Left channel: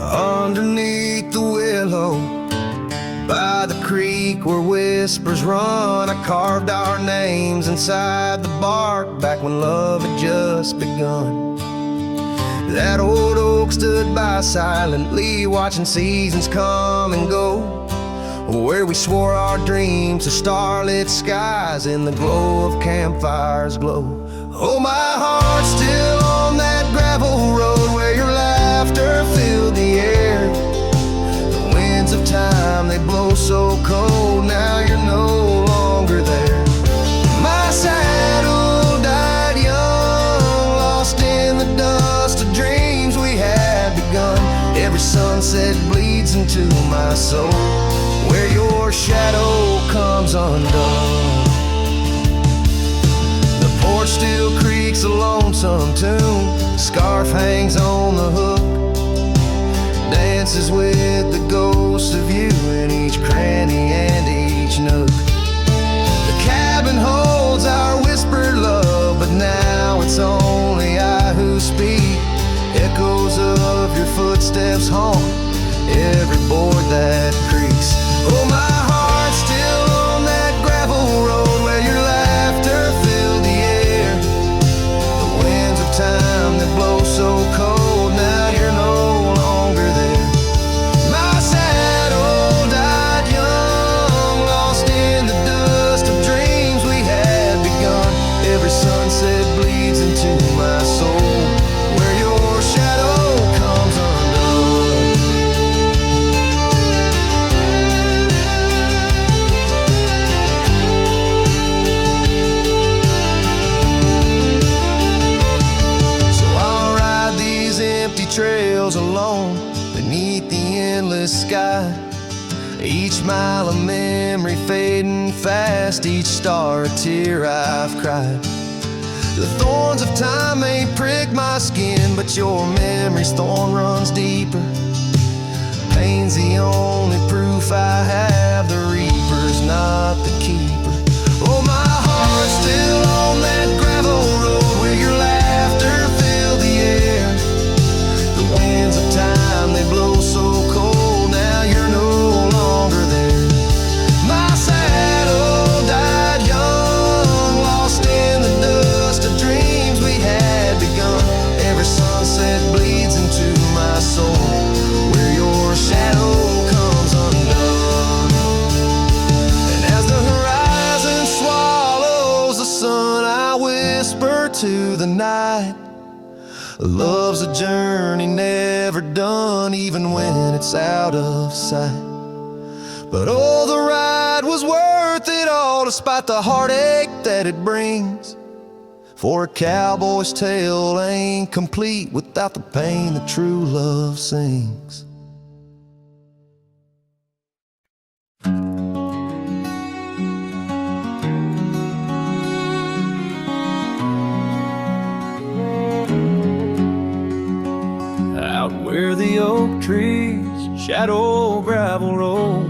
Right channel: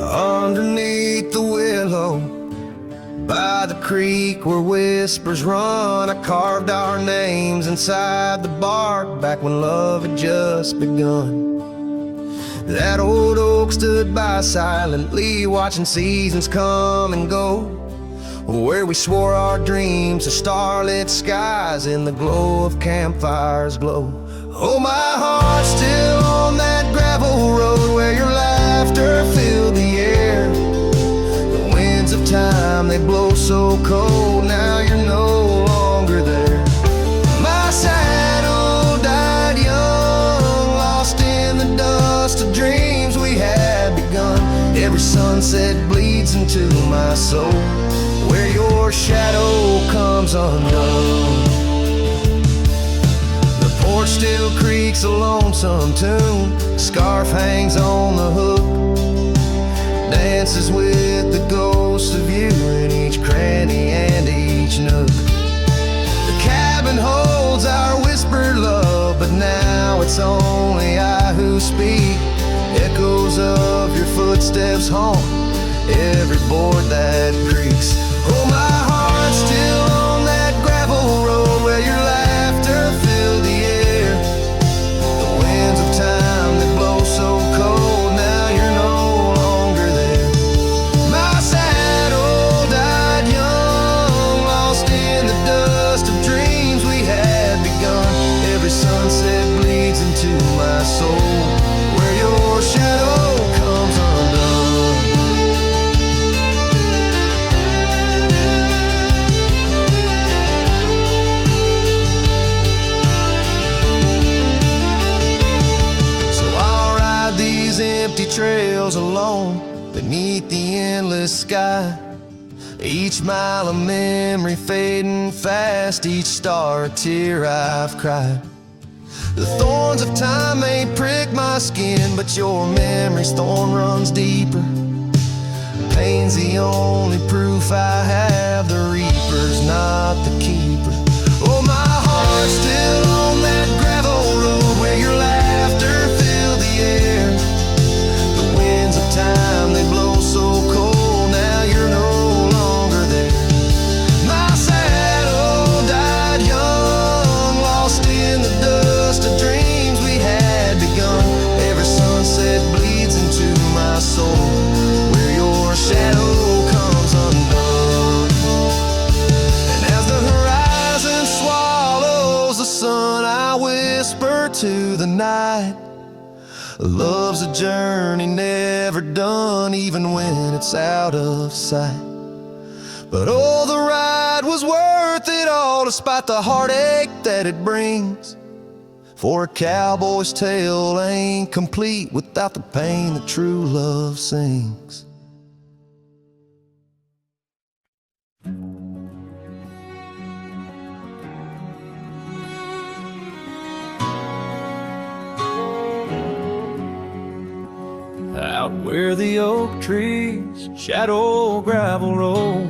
Underneath the willow, by the creek where whispers run, I carved our names inside the bark back when love had just begun. That old oak stood by silently, watching seasons come and go, where we swore our dreams to starlit skies in the glow of campfires glow. Oh, my heart's still on that gravel road where your laughter filled the air. The winds of time, they blow so cold, now you're no longer there. My saddle died young, lost in the dust of dreams we had begun. Every sunset bleeds into my soul, where your shadow comes undone. The porch still creaks a lonesome tune, scarf hangs on the hook, dances with the ghost of you in each cranny and each nook. The cabin holds our whispered love, but now it's only I who speak. Echoes of your footsteps haunt every board that creaks. Oh, my heart's still on that gravel road where your laughter filled the air. The winds of time that blow so cold, now you're no longer there. My saddle died young, lost in the dust of dreams we had begun. Every sunset bleeds into my soul, where your shadow comes undone. Empty trails alone beneath the endless sky, each mile a memory fading fast, each star a tear I've cried. The thorns of time may prick my skin, but your memory's thorn runs deeper. Pain's the only proof I have, the reaper's not the keeper. Oh, my heart's still on that gravel road where your laughter filled the air. The winds of time, they blow so cold, now you're no longer there. My saddle died young, lost in the dust of dreams we had begun. Every sunset bleeds into my soul, where your shadow comes undone. And as the horizon swallows the sun, I whisper to the night, love's a journey never done, even when it's out of sight. But oh, the ride was worth it all, despite the heartache that it brings. For a cowboy's tale ain't complete without the pain that true love sings. Out where the oak trees shadow gravel rolls,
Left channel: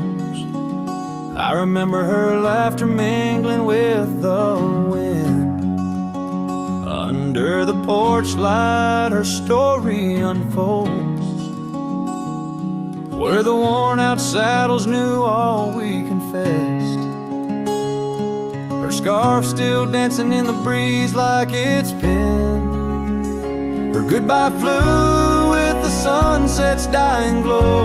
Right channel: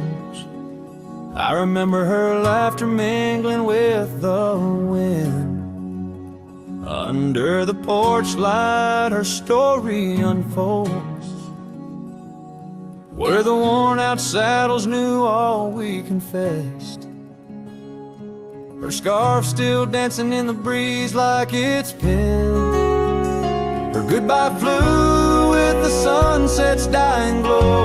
I remember her laughter mingling with the wind. Under the porch light her story unfolds, where the worn out saddles knew all we confessed. Her scarf still dancing in the breeze like it's been. Her goodbye flew with the sunset's dying glow,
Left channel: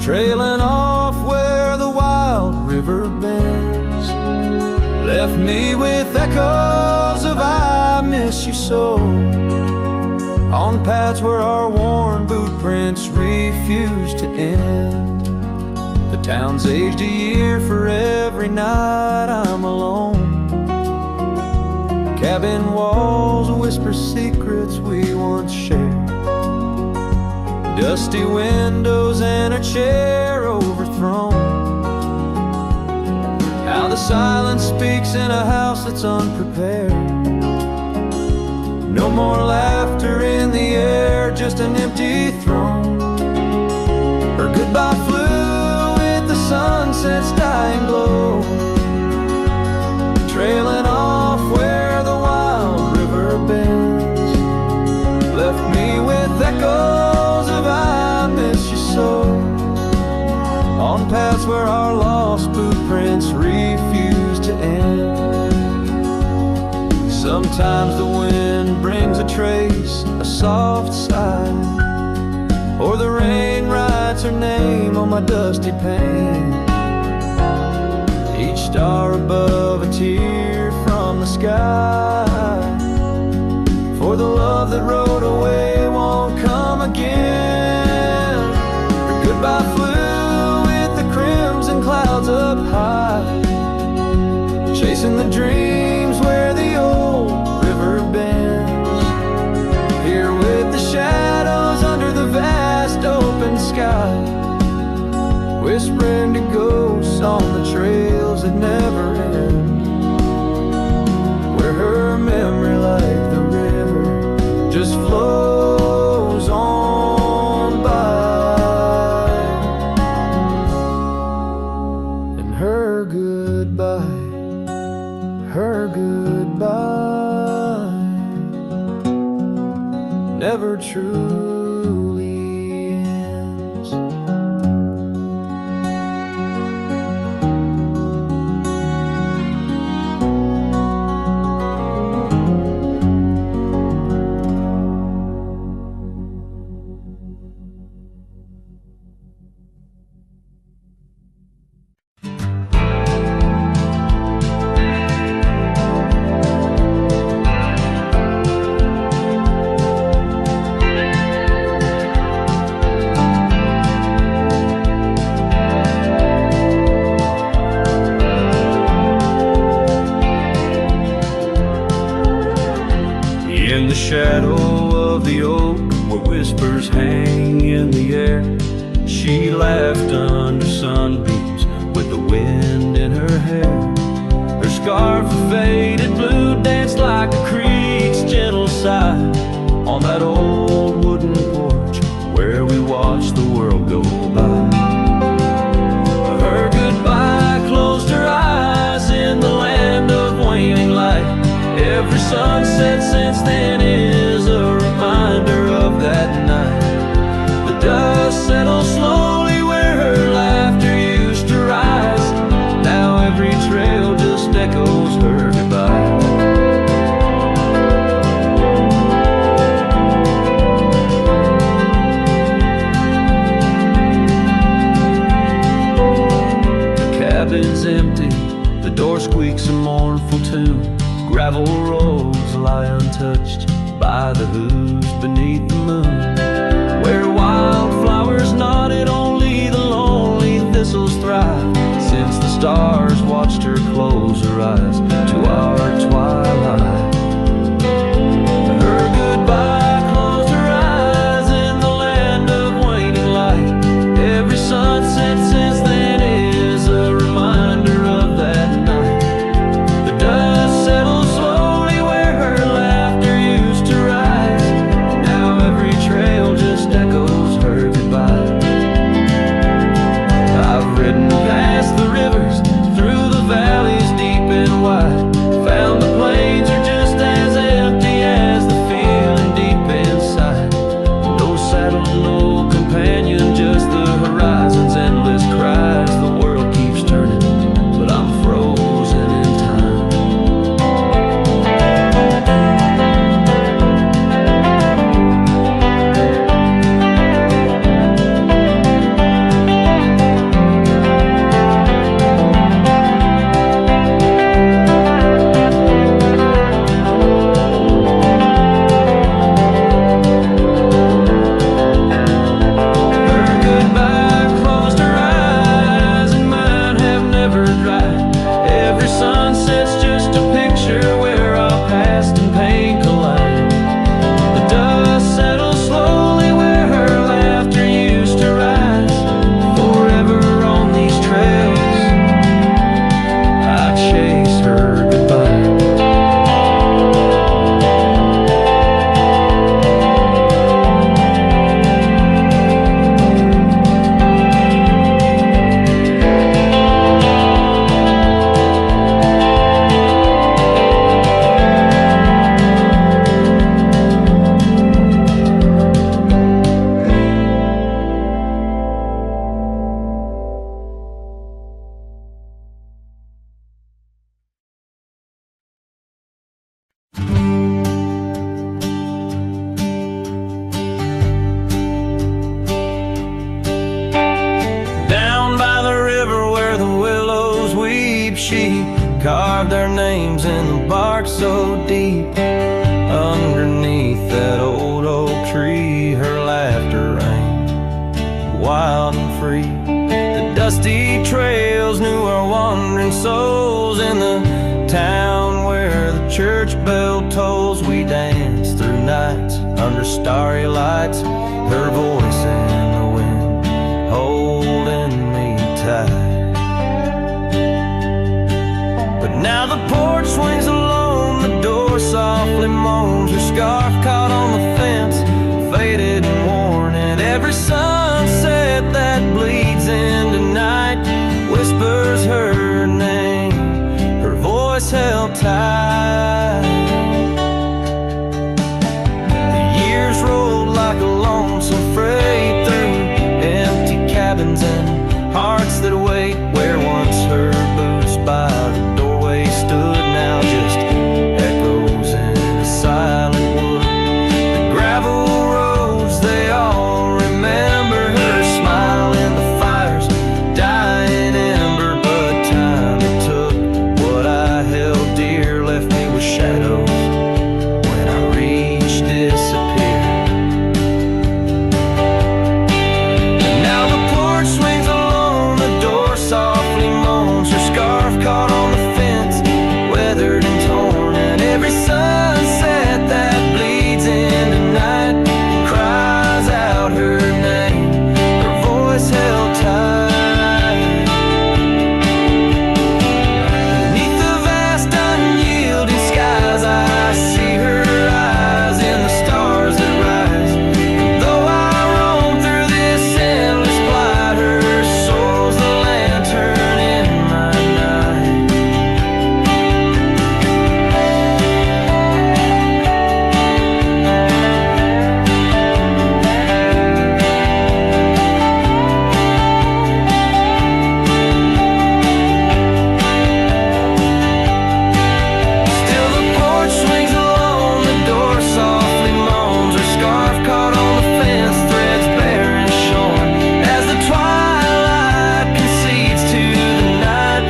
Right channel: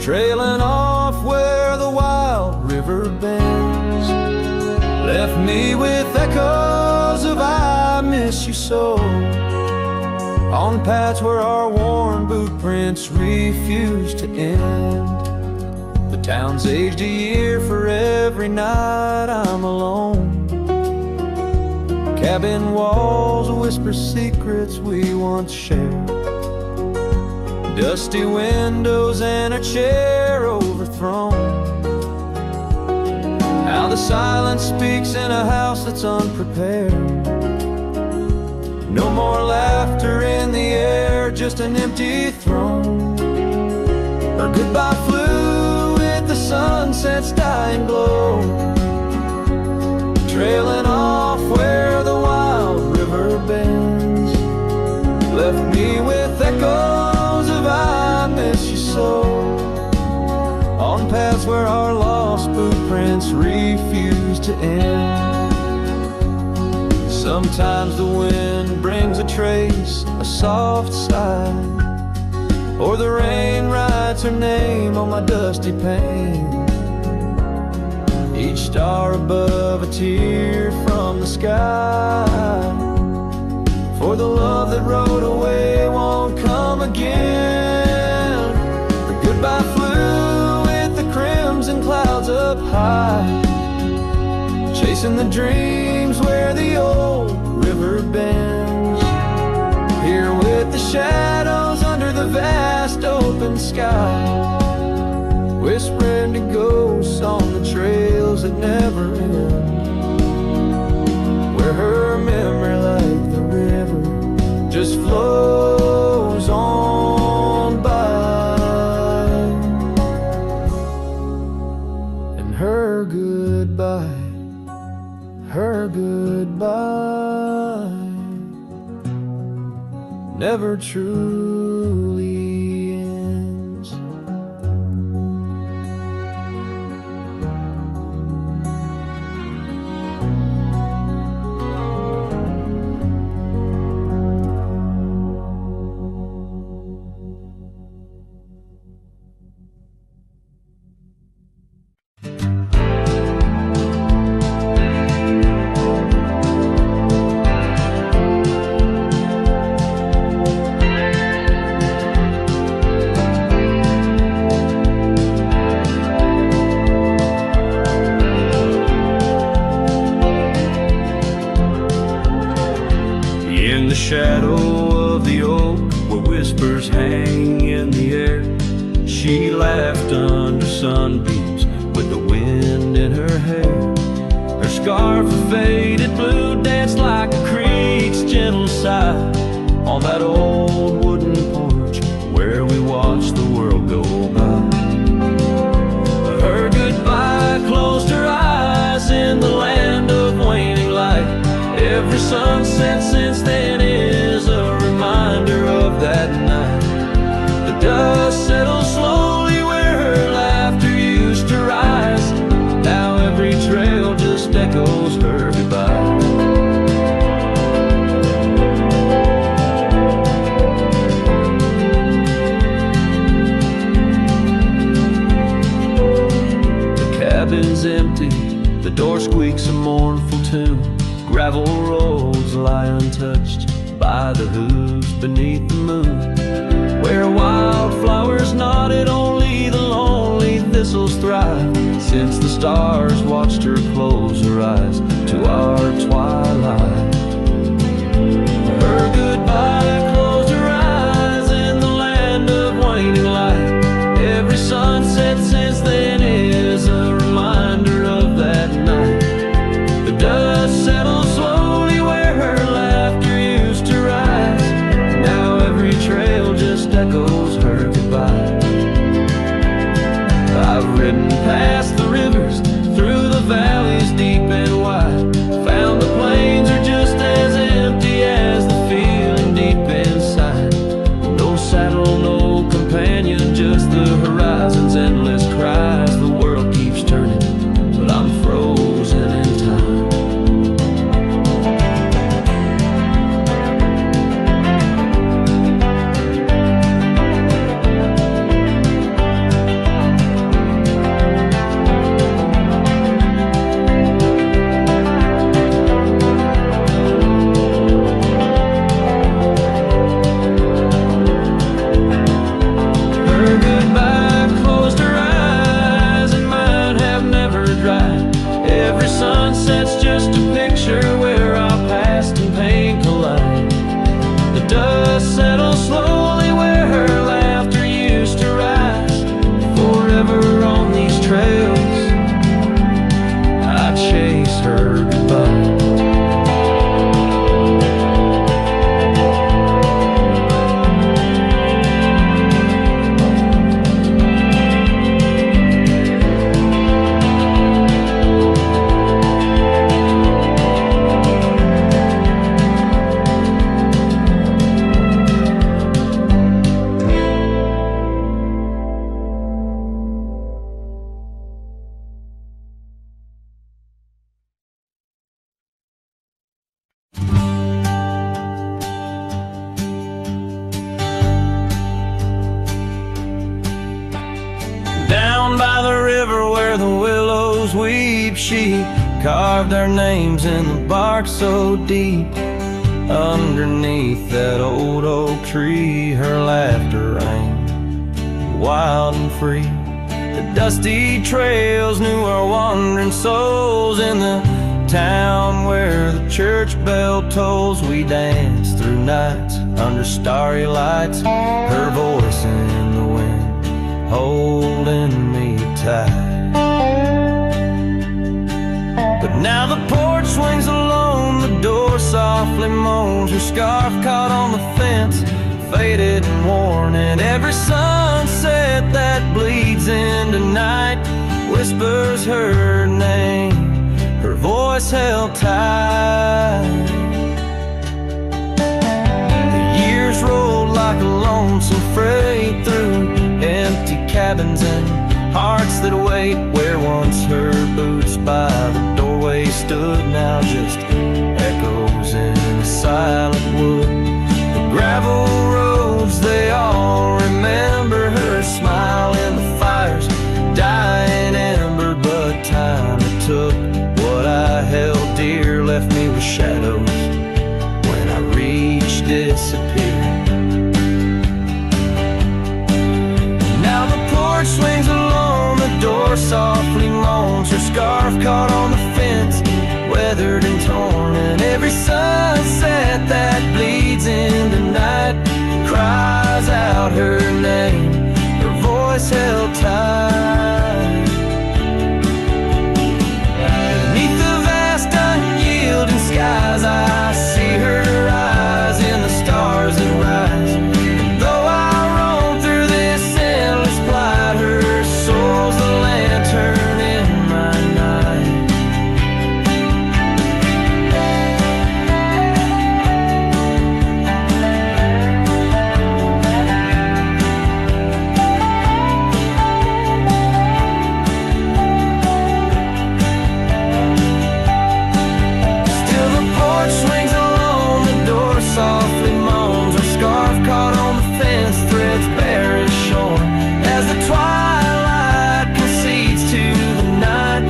trailing off where the wild river bends. Left me with echoes of I miss you so, on paths where our worn boot prints refuse to end. The town's aged a year for every night I'm alone. Cabin walls whisper secrets we once shared, dusty windows and a chair overthrown. How the silence speaks in a house that's unprepared. No more laughter in the air, just an empty throne. Her goodbye flew with the sunset's dying glow, trailing off where the wild river bends. Left me with echoes moments refuse to end. Sometimes the wind brings a trace, a soft sigh, or the rain writes her name on my dusty pane. Each star above a tear from the sky, for the love that rode away won't come again. Her goodbye flew with the crimson clouds up high, chasing the dreams where the old river bends. Here with the shadows under the vast open sky, whispering to ghosts on the trails that never end, where her memory like the river just flows on by. And her goodbye, her goodbye never truly ends. In the shadow of the oak, where whispers hang in the air, she laughed under sunbeams with the wind in her hair. Her scarf of faded blue danced like a creek's gentle sigh on that old wooden porch where we watched the world go by. Her goodbye closed her eyes in the land of waning light. Every sunset since then is a reminder of that night. The dust settles slowly where her laughter used to rise. Now every trail just echoes her goodbye. The cabin's empty, the door squeaks a mournful tune. Gravel roads lie untouched by the hooves beneath the moon. Where wildflowers nodded, only the lonely thistles thrive, since the stars watched her close her eyes to our twilight. Her goodbye closed her eyes in the land of waning light. Every sunset since then is a reminder of that night. The dust settles slowly where her laughter used to rise. Now every trail just echoes her goodbye. I've ridden past the rivers, through the valleys deep and wide, found the plains are just as empty as the feeling deep inside. No saddle, no companion, just the horizon's endless cries. The world keeps turning, but I'm frozen in time. Every sunset's just a picture where our past and pain collide. The dust settles slowly where her laughter used to rise. Forever on these trails, I chase her goodbye. She carved our names in the bark so deep. Underneath that old oak tree, her laughter rang wild and free. The dusty trails knew our wandering souls. In the town where the church bell tolls, we danced through nights under starry lights. Her voice in the wind holding me tight. But now the porch swings alone, the door softly moans. Her scarf caught on the fence, faded and worn, and every sunset that bleeds into night whispers her name, her voice held tight. The years rolled like a lonesome freight through empty cabins and hearts that wait. Where once her boots by the doorway stood, now just echoes in a silent wood. The gravel roads, they all remember her smile in the fire's dying ember. But time it took, what I held dear left me with shadows when I reached disappear. And now the porch swings alone, the door softly moans. Her scarf caught on the fence, weathered and torn, and every sunset that bleeds into night cries out her name, her voice held tight. Beneath the vast unyielding skies, I see her eyes in the stars that rise. And though I roam through this endless plight, her soul's the lantern in my night. Swings alone, the door softly moans. Her scarf caught on the fence, threads bare and shorn. As the twilight concedes to the night,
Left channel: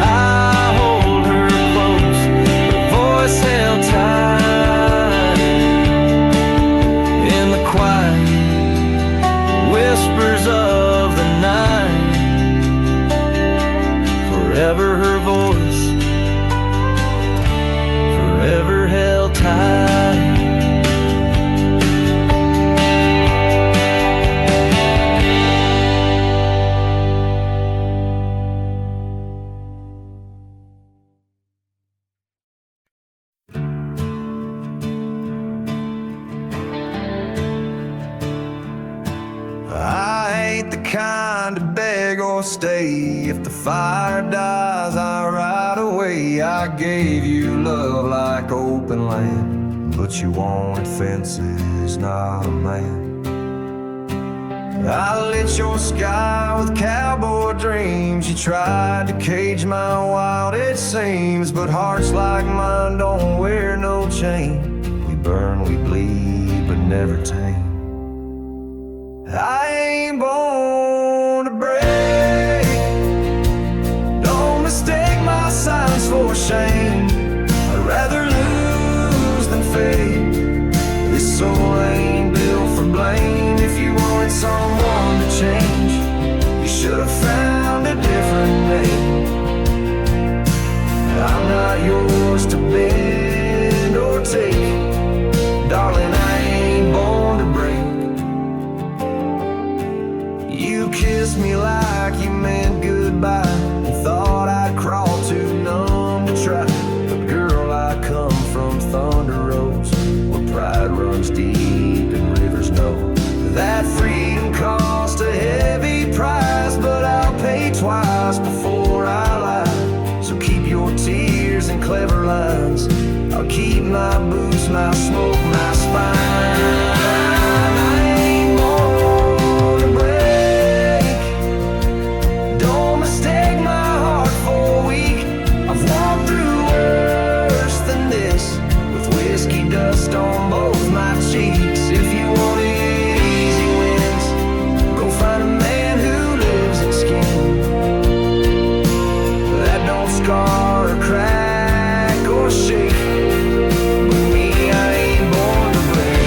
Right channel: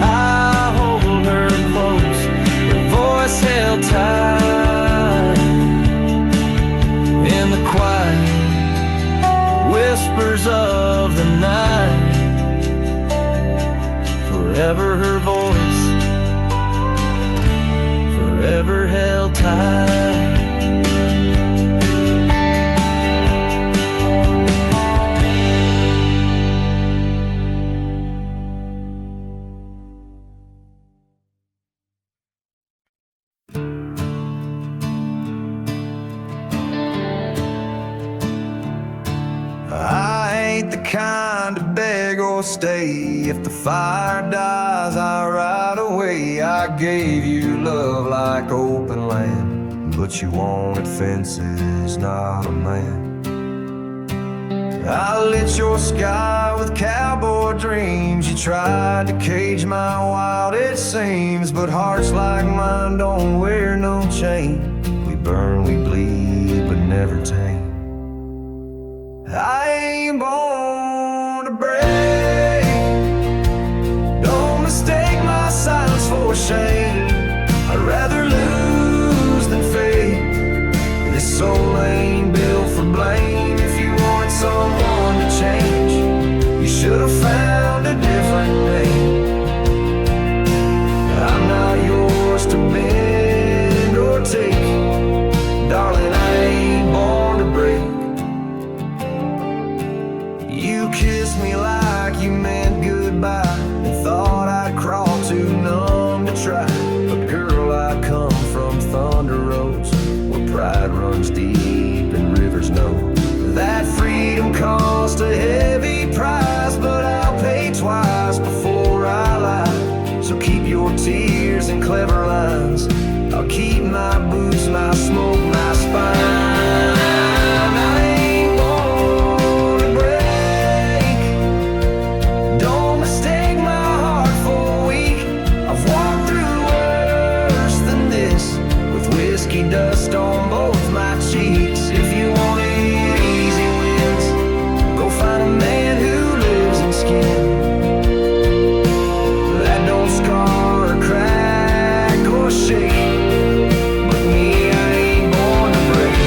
I hold her close, her voice held tight. In the quiet whispers of the night, forever her voice, forever held tight. I ain't the kind to beg or stay. If the fire dies, I ride away. I gave you love like open land, but you wanted fences, not a man. I lit your sky with cowboy dreams. You tried to cage my wild, it seems, but hearts like mine don't wear no chain. We burn, we bleed, but never tame. I ain't born to break. Don't mistake my silence for shame. I'd rather lose than fade. This soul ain't built for blame. If you wanted someone to change, you should have found a different name. I'm not yours to bend or take. Darling, I ain't born to break. You kissed me like you meant goodbye, and thought I'd crawl too numb to try. But girl, I come from Thunder Roads, where pride runs deep and rivers know. That freedom cost a heavy price, but I'll pay twice before I lie. So keep your tears and clever lines. I'll keep my boots, my smoke, my spine. Mistake my heart for weak. I've walked through worse than this, with whiskey dust on both my cheeks. If you wanted easy wins, go find a man who lives in skin. that don't scar or crack or shake. But me, I ain't born to break.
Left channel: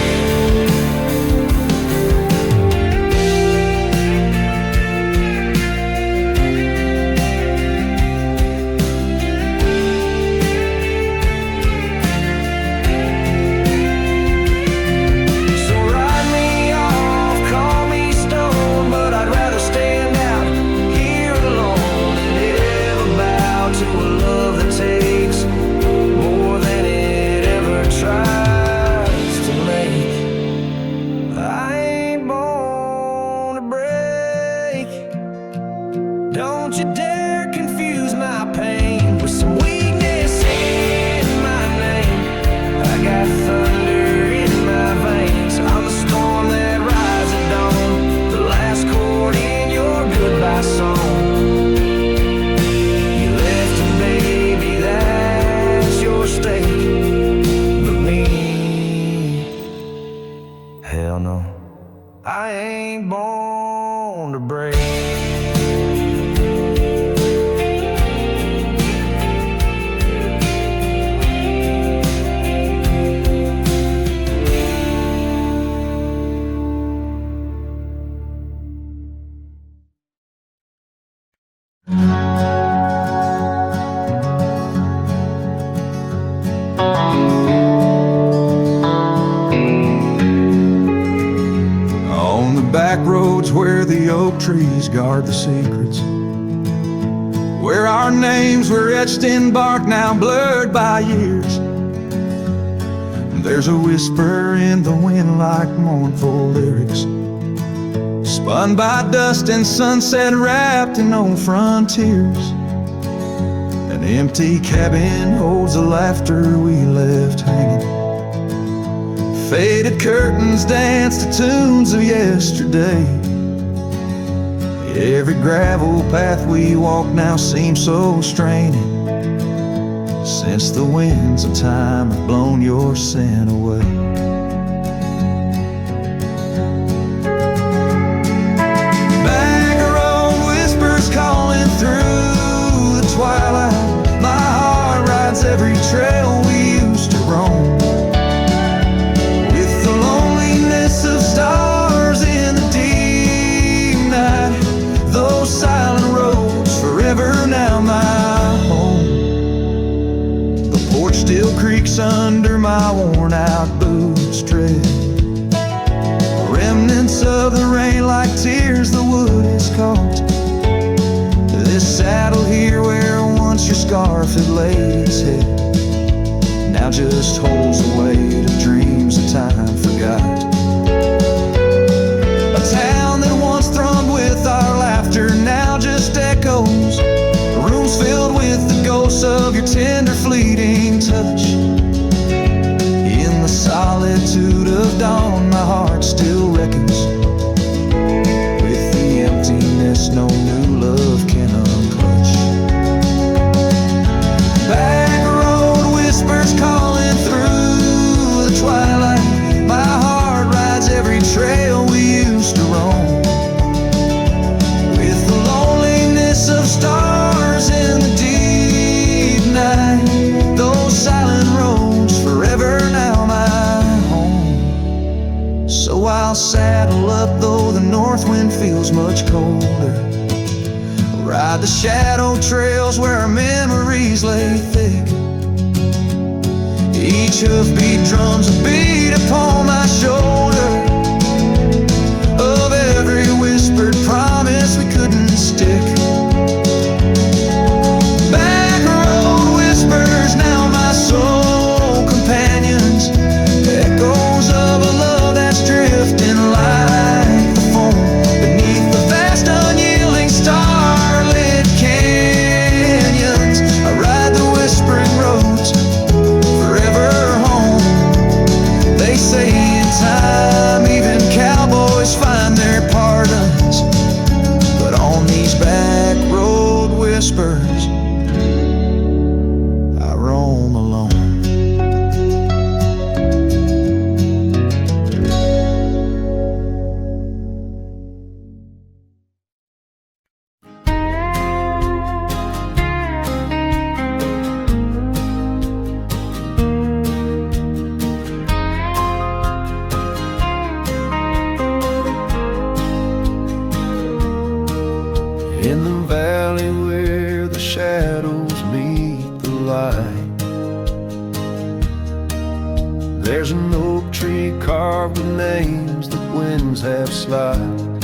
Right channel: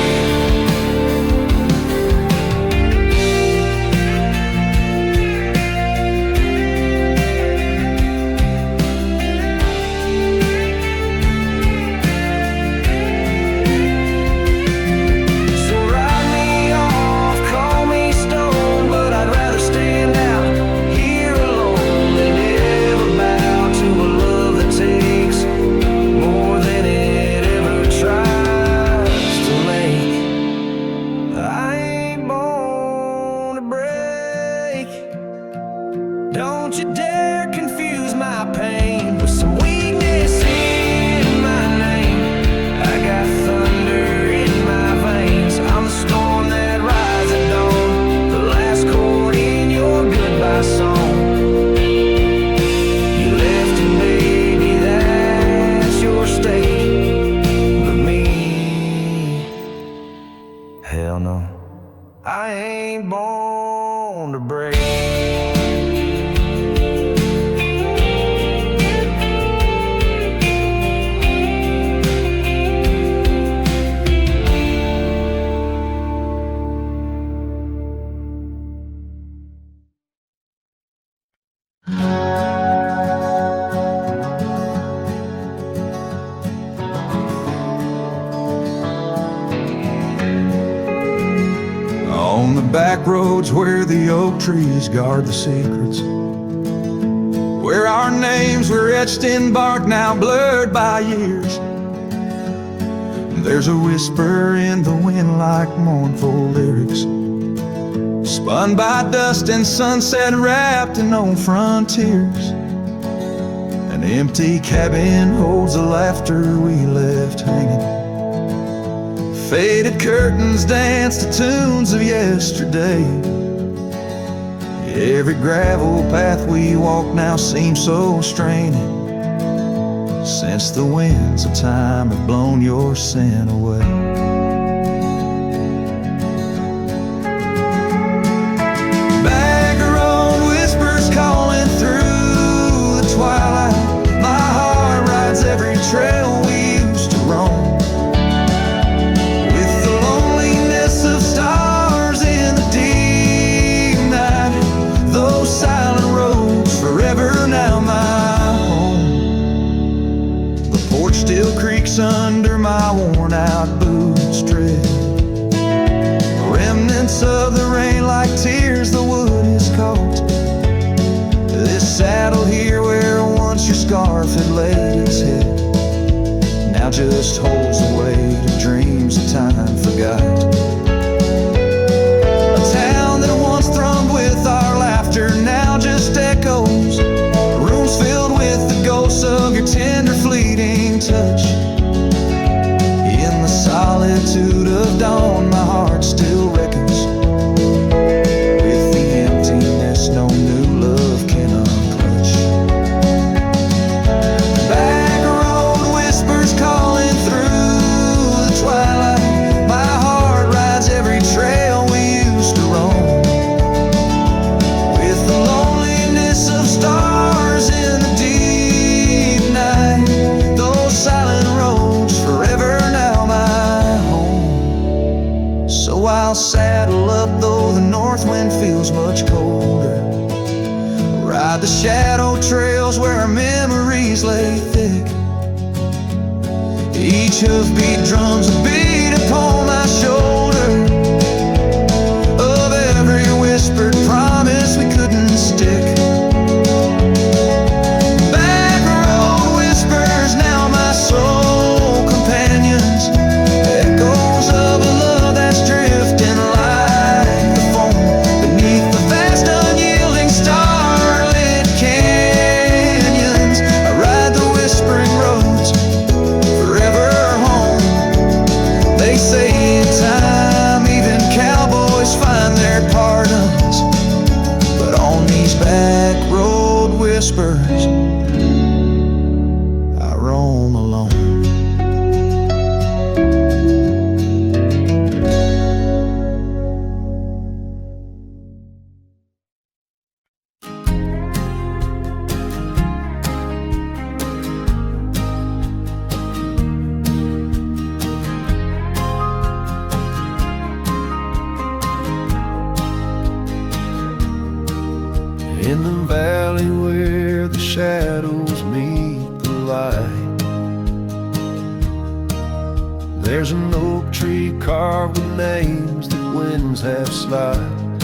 So write me off, call me stone, but I'd rather stand out here alone than ever bow to a love that takes more than it ever tries to make. I ain't born to break. Don't you dare confuse my pain with some weakness in my name. I got thunder in my veins. I'm the storm that rises at dawn, the last chord in your goodbye song. You left and baby, that's your stake. But me, hell no, I ain't born to break. On the back roads where the oak trees guard the secrets, where our names were etched in bark now blurred by years, there's a whisper in the wind like mournful lyrics, spun by dust and sunset wrapped in old frontiers. An empty cabin holds the laughter we left hanging. Faded curtains dance to tunes of yesterday. Every gravel path we walk now seems so straining, since the winds of time have blown your sin away. Back road whispers calling through the twilight. My heart rides every trail we used to roam, with the loneliness of stars in the deep night. Those silent roads forever now my home. The porch still creaks under my worn out boots tread. Remnants of the rain like tears the wood is caught. This saddle here where once your scarf had laid its head now just holds the weight of dreams that time forgot. A town that once thrummed with our laughter now just echoes. Rooms filled with the ghosts of your tender fleeting touch. In the solitude of dawn my heart still reckons with the emptiness no new love can unclutch. Back road whispers calling through the twilight. My heart rides every trail we used to roam, with the loneliness of stars in the deep night. Those silent roads forever now my home. So I'll saddle up though the north wind feels much colder, ride the shadow trails where our memories lay thick. Each hoofbeat drums a beat upon my shoulder of every whispered promise we couldn't stick. Back road whispers now my soul companions, echoes of a love that's drifting like the foam beneath the vast unyielding starlit canyons. I ride the whispering roads forever home. They say in time even cowboys find their pardons, but on these back road whispers I roam alone. in the valley where the shadows meet the light. There's an oak tree carved with names that winds have slide.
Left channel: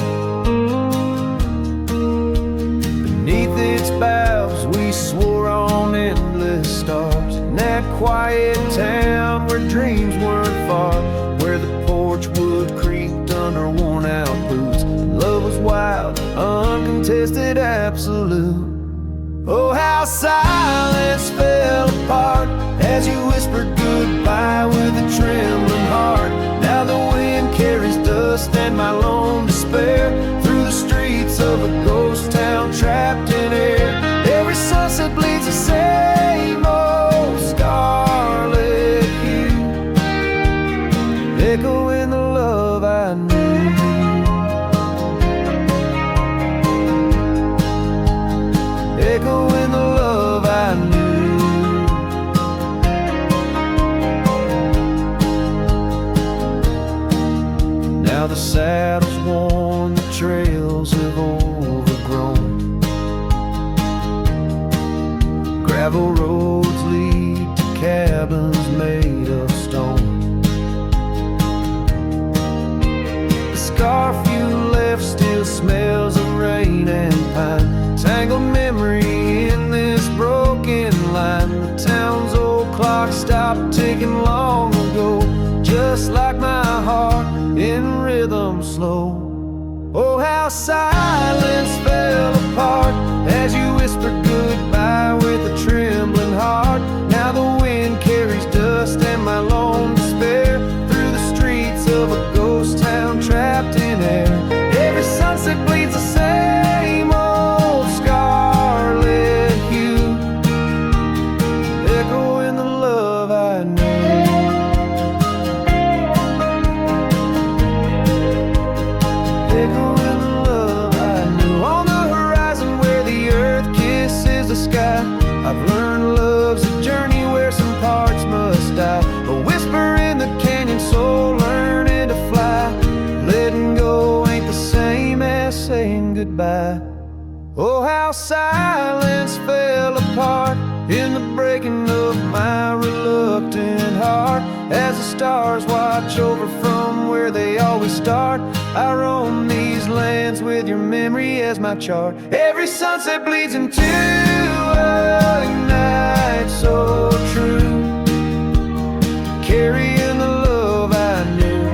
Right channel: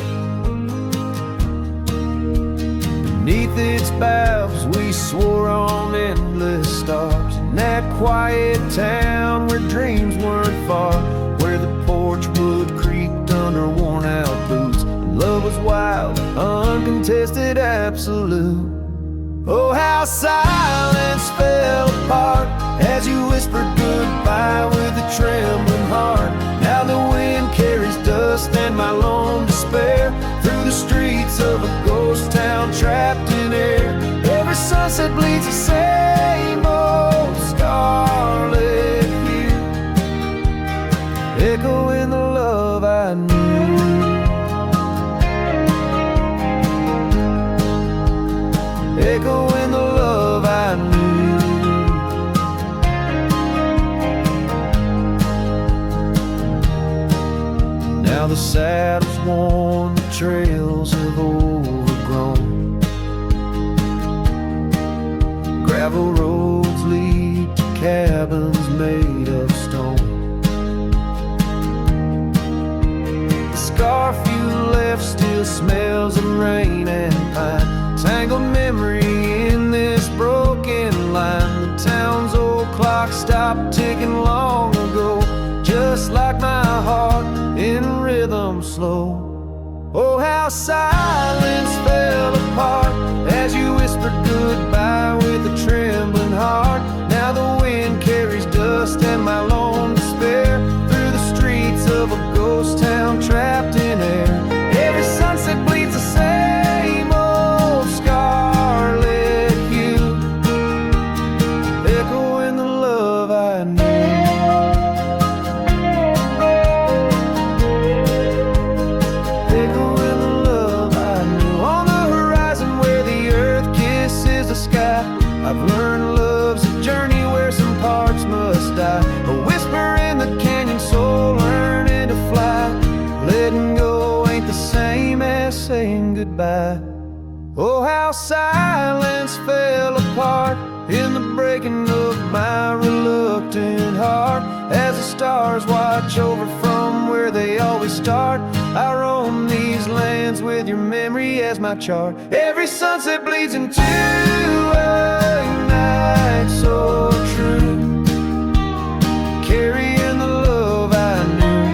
Beneath its boughs we swore on endless stars, in that quiet town where dreams weren't far, where the porch wood creaked under worn-out boots, and love was wild, uncontested, absolute. Oh, how silence fell apart as you whispered goodbye with a trembling heart. Now the wind carries dust and my lone despair through the streets of a ghost town trapped in air. Every sunset bleeds the same old scarlet hue, echoing the love I knew. Echoing the love I knew. Now the saddle's worn, the trails have overgrown. Gravel roads lead to cabins made of stone. The scarf you left still smells of rain and pine, tangled memory in this broken line. The town's old clock stopped ticking long ago, just like my heart in rhythm slow. Oh, how silence fell apart as you whispered goodbye with a trembling heart. Now the wind carries dust and my lone despair through the streets of a ghost town trapped in air. Every sunset bleeds the same old scarlet hue, echoing the love I knew. Echoing the love I knew. On the horizon where the earth kisses the sky, I've learned love's a journey where some parts must die. A whisper in the canyon, soul learning to fly. Letting go ain't the same as saying goodbye. Oh, how silence fell apart in the breaking of my reluctant heart, as the stars watch over from where they always start. I roam these lands with your memory as my chart. Every sunset bleeds into a night so true, carrying the love I knew,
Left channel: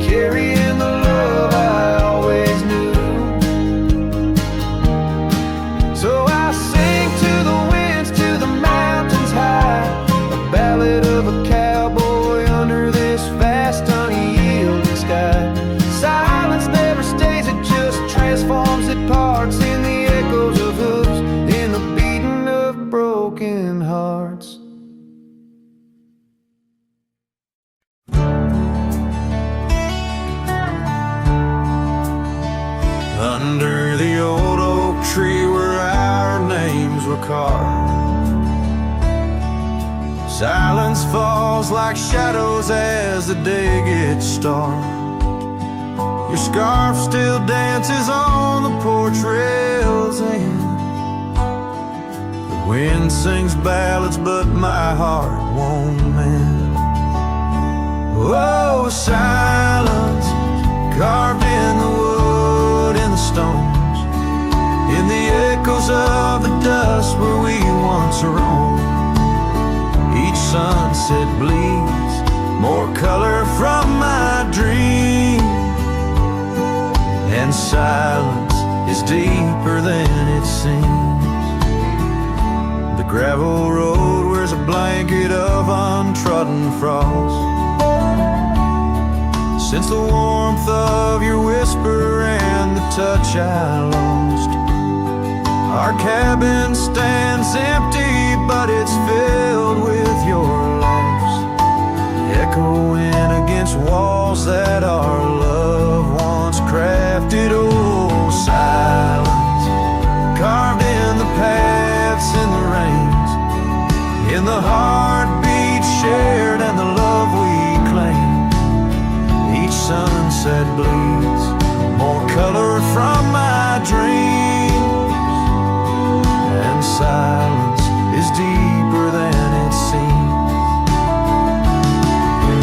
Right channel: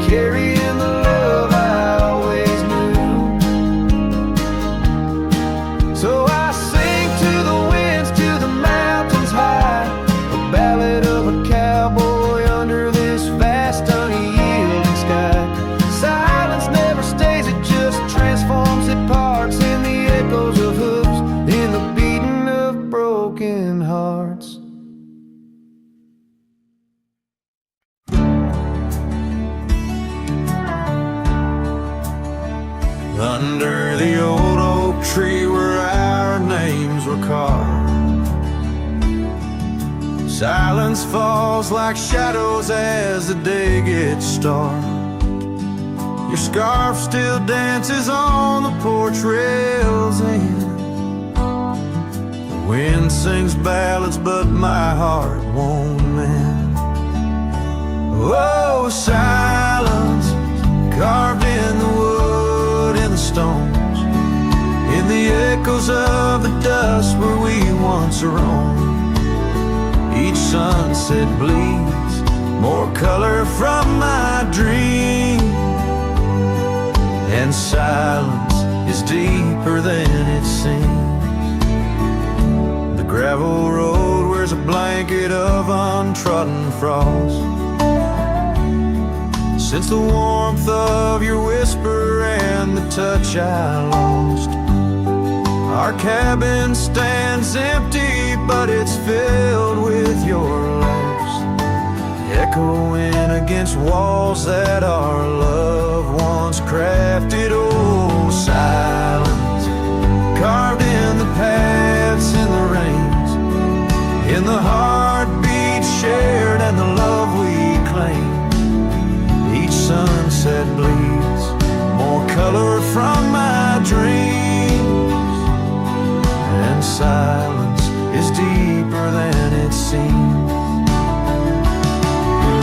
carrying the love I always knew. So I sing to the winds, to the mountains high, a ballad of a cowboy under this vast unyielding sky. Silence never stays, it just transforms, it parts in the echoes of hooves, in the beating of broken hearts. Under the old oak tree where our names were carved, silence falls like shadows as the day gets dark. Your scarf still dances on the porch rails and the wind sings ballads, but my heart won't mend. Oh, silence carved in the wood, in the stones, in the echoes of the dust where we once roamed. Each sunset bleeds more color from my dream, and silence is deeper than it seems. The gravel road wears a blanket of untrodden frost since the warmth of your whisper and the touch I lost. Our cabin stands empty, but it's filled with your laughs, echoing against walls that our love once crafted. Oh, silence carved in the paths, in the rains, in the heartbeat shared and the love we claim. Each sunset bleeds more color from my dreams, and silence is deeper than it seems.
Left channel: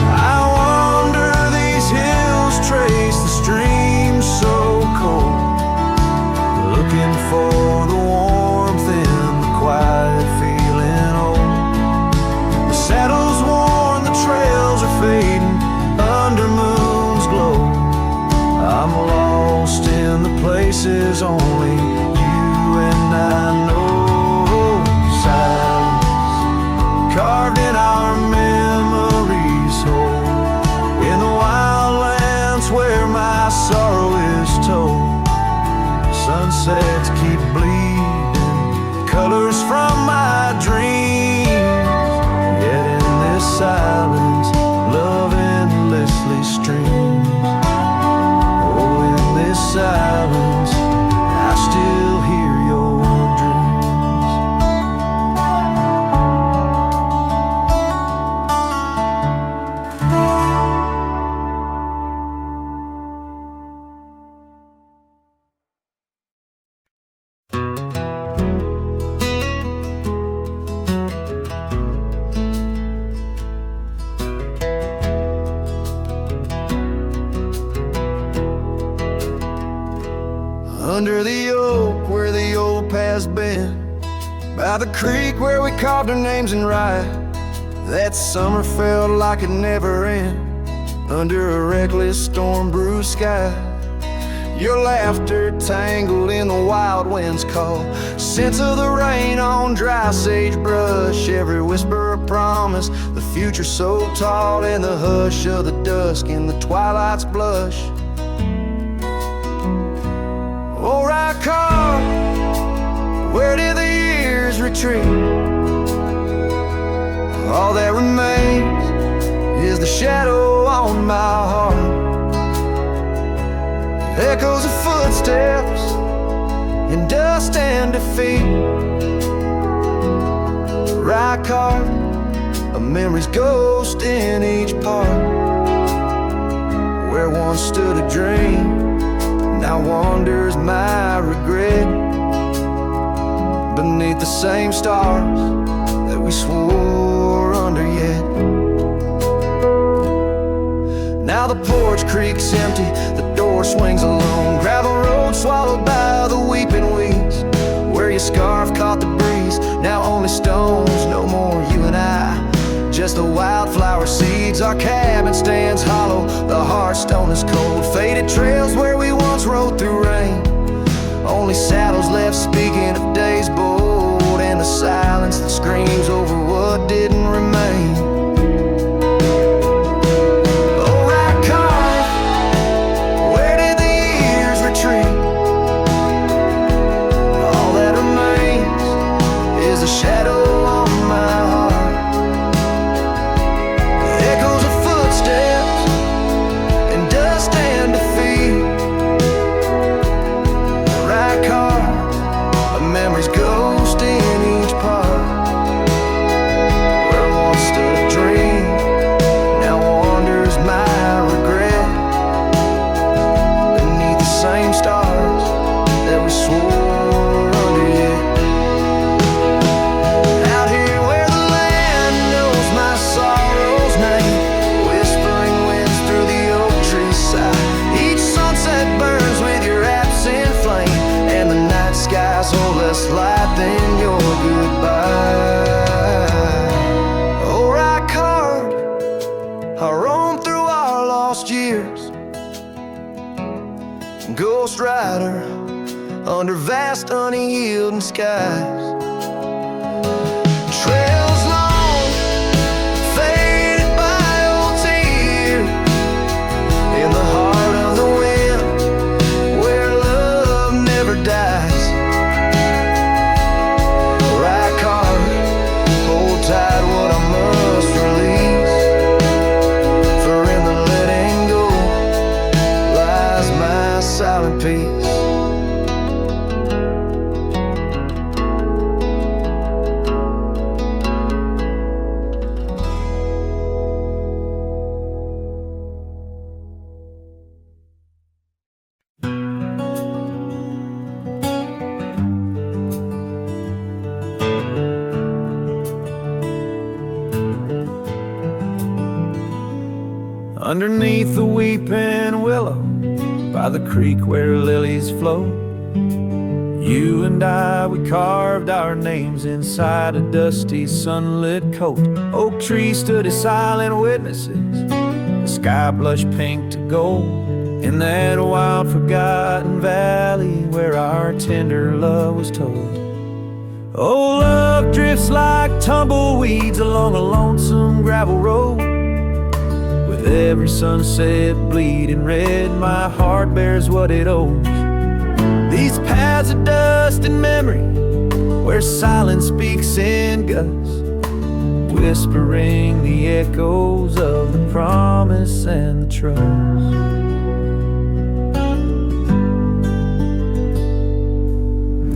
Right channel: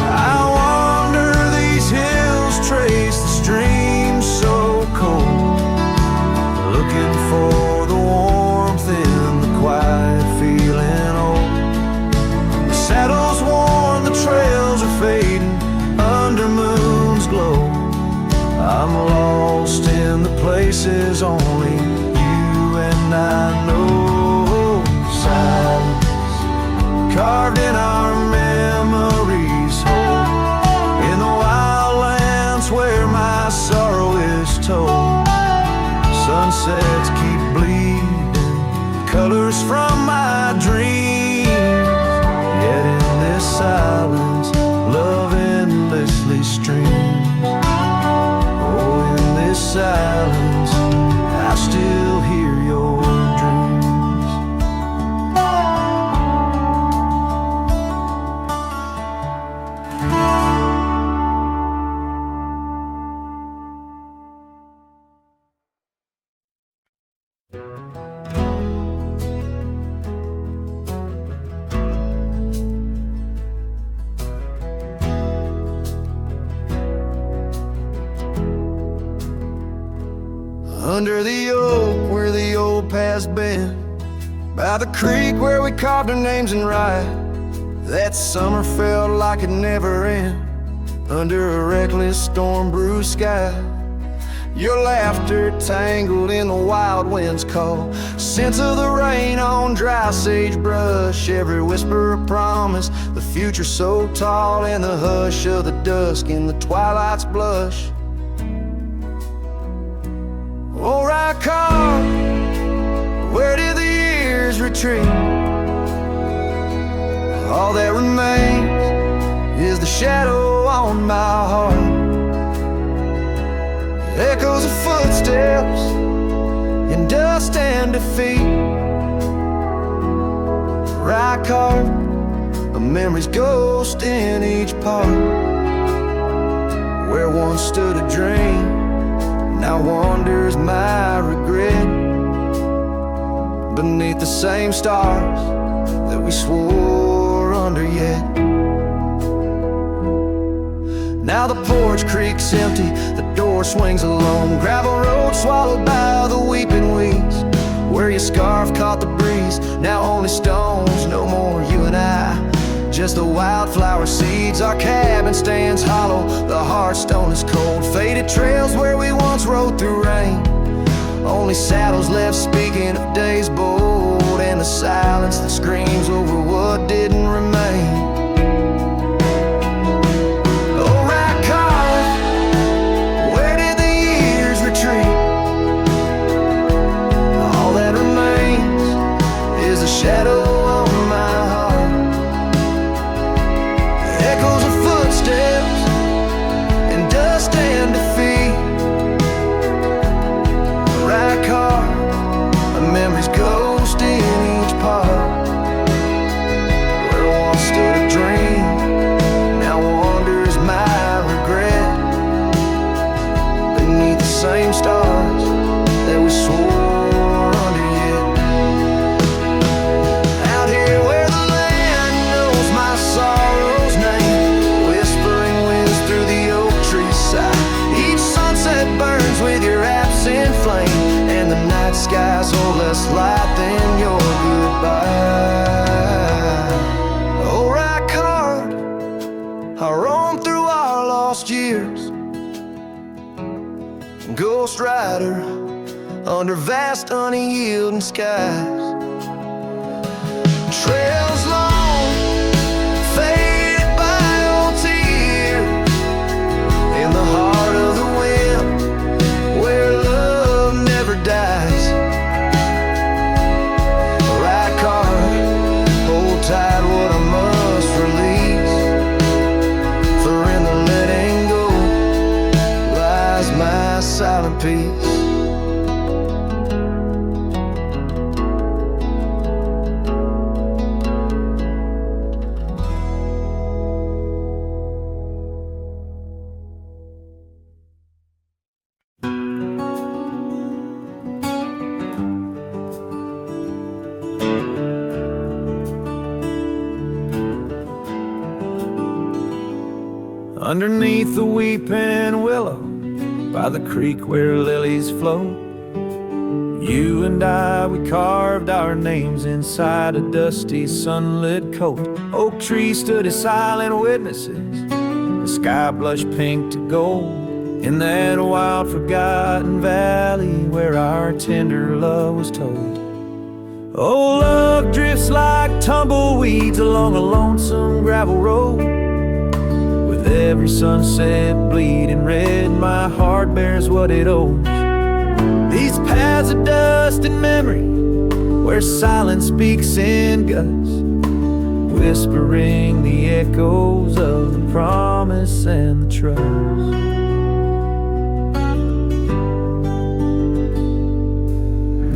I wander these hills, trace the streams so cold, looking for the warmth in the quiet, feeling old. The saddle's worn, the trails are fading under moon's glow. I'm lost in the places only you and I know. Silence carved in our memories hold, in the wildlands where my sorrow is told. Sunsets keep bleeding colors from my dreams, yet in this silence love endlessly streams. Oh, in this silence I still hear your dreams. Under the oak where the old path's been, by the creek where we carved our names in rye, that summer felt like it never end, under a reckless storm-bruised sky. Your laughter tangled in the wild wind's call, scents of the rain on dry sagebrush, every whisper a promise, the future so tall, in the hush of the dusk, in the twilight's blush. Oh, right car, where did the years retreat? All that remains is the shadow on my heart, echoes of footsteps in dust and defeat. Right car, a memory's ghost in each part, where once stood a dream, now wanders my regret, beneath the same stars that we swore under yet. Now the porch creaks empty, the door swings alone, gravel road swallowed by the weeping weeds, where your scarf caught the breeze, now only stones, no more you and I, just the wildflower seeds. Our cabin stands hollow, the hearthstone is cold, faded trails where we once rode through rain, only saddles left speaking of days bold, and the silence that screams over what didn't remain. Oh, right car, where did the years retreat? All that remains is a shadow on my heart, echoes of footsteps in dust and defeat. Right car, a memory's ghost in each part, where once stood a dream, now wanders my regret, beneath the same stars that we swore under yet. Out here where the land knows my sorrow's name, whispering winds through the oak tree side, each sunset burns with your absent flame, and the night skies hold less light than your goodbye. Oh, right card, I roam through our lost years, ghost rider under vast unyielding skies, trails long faded by old tears, in the heart of the wind where love never dies. Right car, hold tight what I must release, for in the letting go lies my silent peace. underneath the weeping willow, by the creek where lilies flow. You and I, we carved our names inside a dusty sunlit coat. Oak trees stood as silent witnesses, the sky blushed pink to gold, in that wild forgotten valley where our tender love was told. Oh, love drifts like tumbleweeds along a lonesome gravel road. With every sunset bleeding red, my heart bears what it owes. These paths of dust and memory, where silence speaks in gusts, whispering the echoes of the promise and the trust.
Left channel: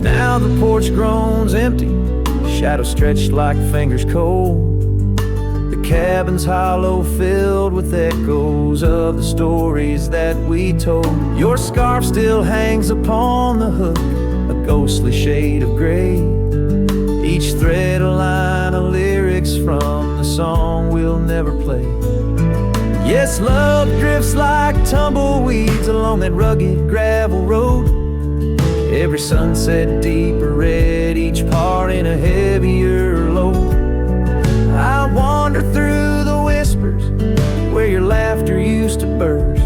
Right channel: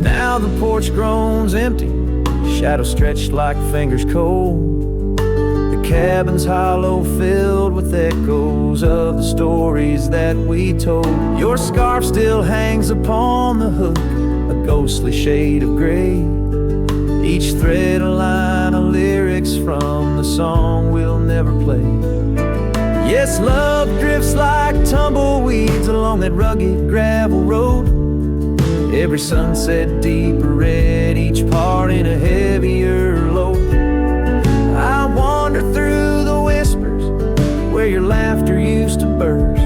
Now the porch groans empty, shadows stretched like fingers cold. The cabin's hollow, filled with echoes of the stories that we told. Your scarf still hangs upon the hook, a ghostly shade of gray, each thread a line of lyrics from the song we'll never play. Yes, love drifts like tumbleweeds along that rugged gravel road, every sunset deeper red, each part in a heavier load. I wander through the whispers where your laughter used to burst,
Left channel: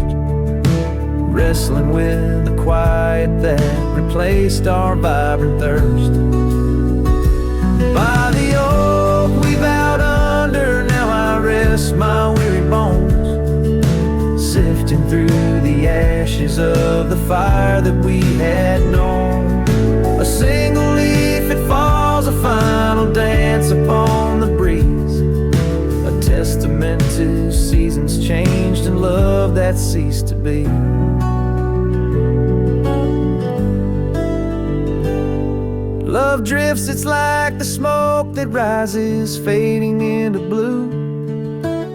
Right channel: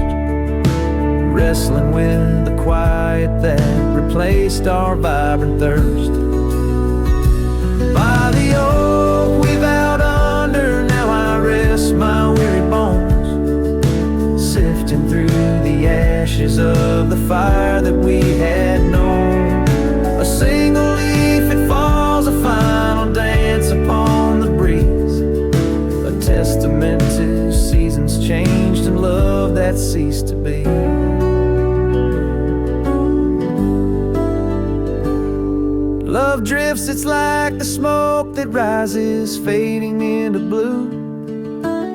wrestling with the quiet that replaced our vibrant thirst. By the oak we vowed under, now I rest my weary bones, sifting through the ashes of the fire that we had known. A single leaf, it falls, a final dance upon the breeze, a testament to seasons changed and love that ceased to be. Love drifts, it's like the smoke that rises, fading into blue.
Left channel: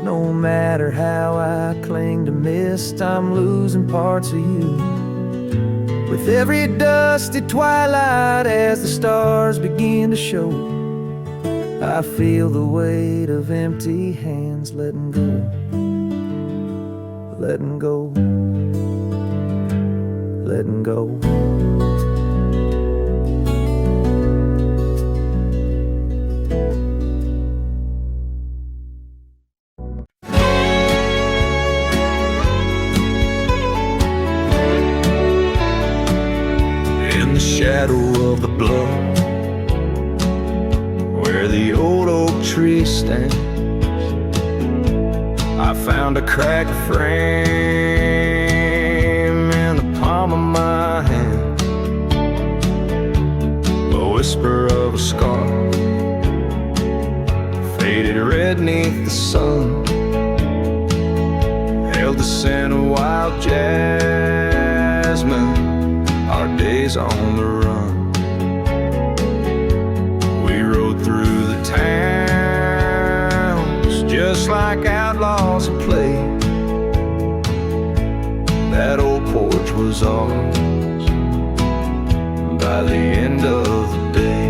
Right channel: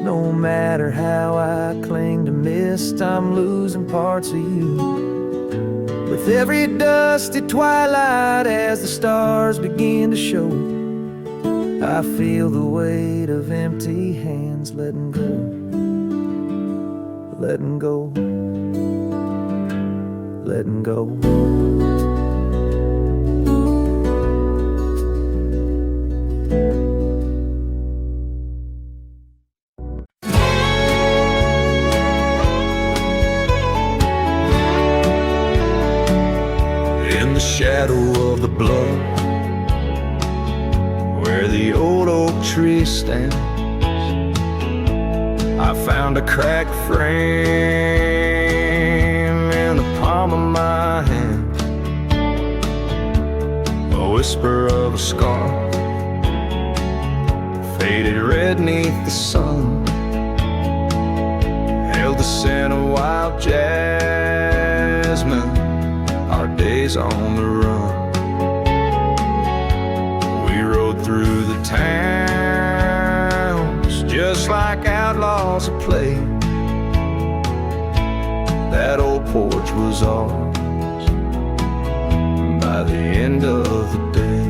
No matter how I cling to mist, I'm losing parts of you. With every dusty twilight, as the stars begin to show, I feel the weight of empty hands letting go, letting go, letting go. In the shadow of the bluff, where the old oak tree stands, I found a cracked frame in the palm of my hand, a whisper of a scar, faded red neath the sun, held the scent of wild jasmine, our days on the run. We rode through the towns just like outlaws at play. That old porch was ours by the end of the day.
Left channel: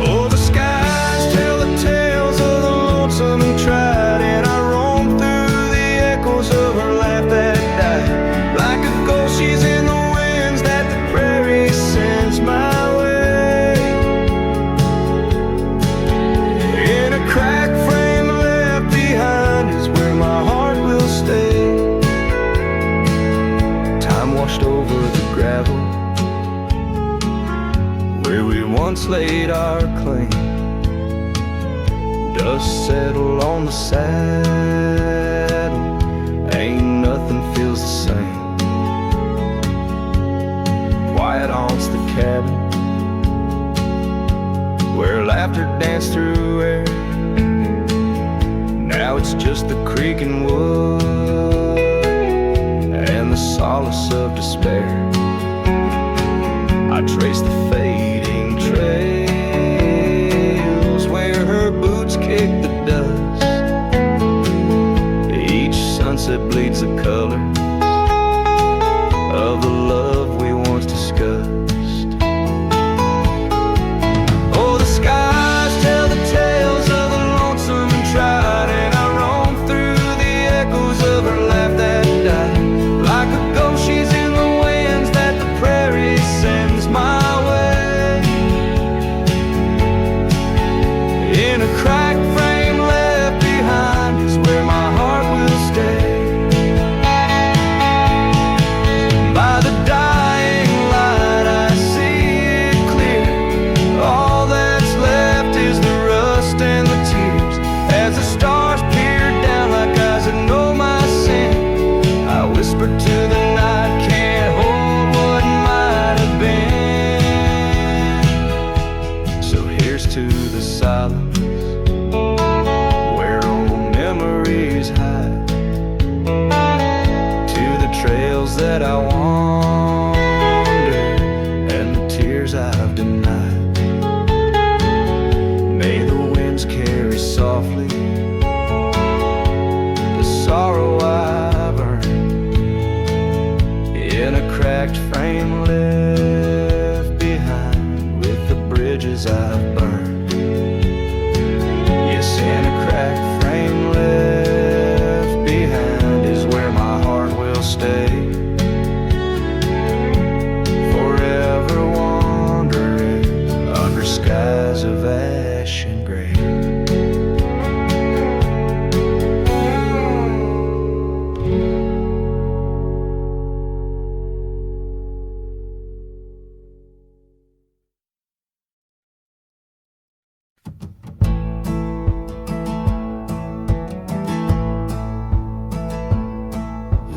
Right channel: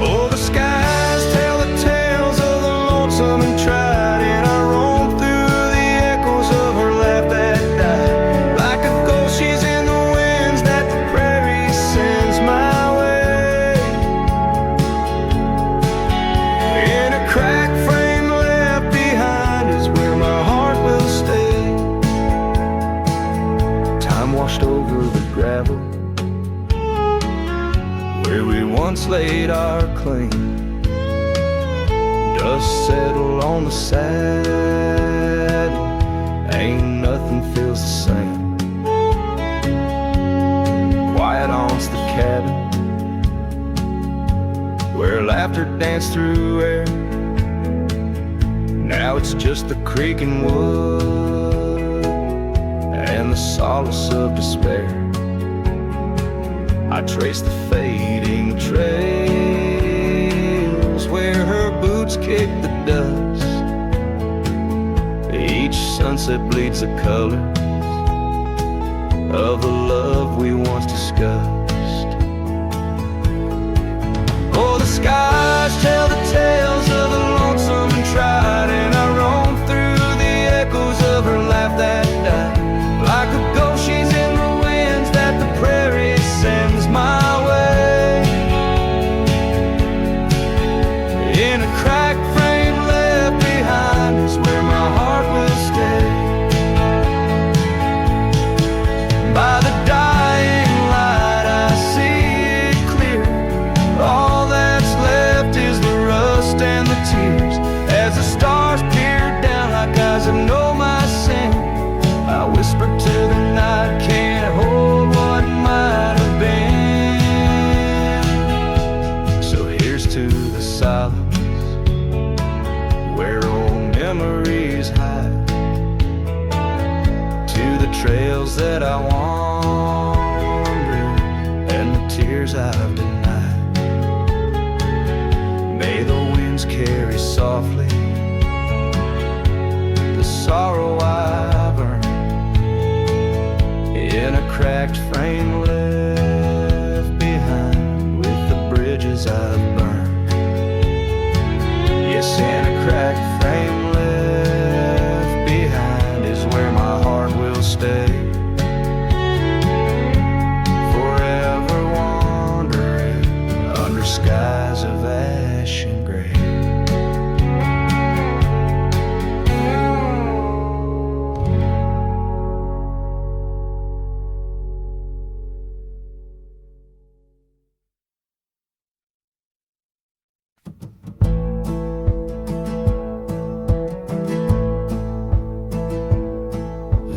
Oh, the skies tell the tales of the lonesome and tried, and I roamed through the echoes of her laugh that died. Like a ghost, she's in the winds that the prairie sends my way. In a cracked frame left behind is where my heart will stay. Time washed over the gravel where we once laid our claim. Dust settled on the saddle, ain't nothing feels the same. Quiet haunts the cabin where laughter danced through air. Now it's just the creaking wood and the solace of despair. I trace the fading trails where her boots kick the dust. Each sunset bleeds the color of the love we once discussed. Oh, the skies tell the tales of the lonesome and tried, and I roam the tears as the stars peered down like eyes that know my sin. I whispered to the night, can't hold what might have been. So here's to the silence where old memories hide, to the trails that I wander and the tears I've denied. May the winds carry softly the sorrow I've earned in a cracked frame left behind with the bridges I've burned. Yes, in a cracked frame left behind is where my heart will stay, forever wandering under skies of ash and gray.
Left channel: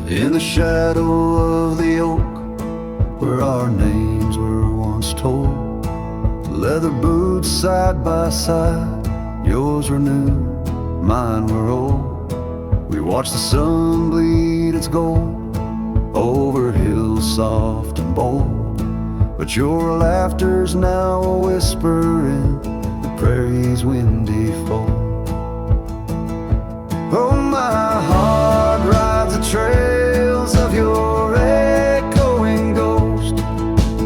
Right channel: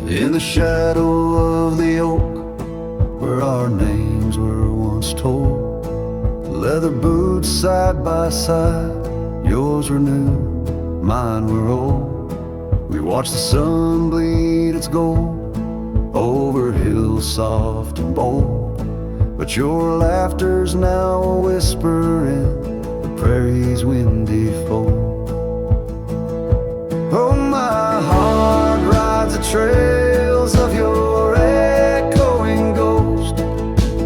In the shadow of the oak, where our names were once told, leather boots side by side, yours were new, mine were old. We watched the sun bleed its gold over hills soft and bold, but your laughter's now a whisper in the prairie's windy fold. Oh, my heart rides the trails of your echoing ghost,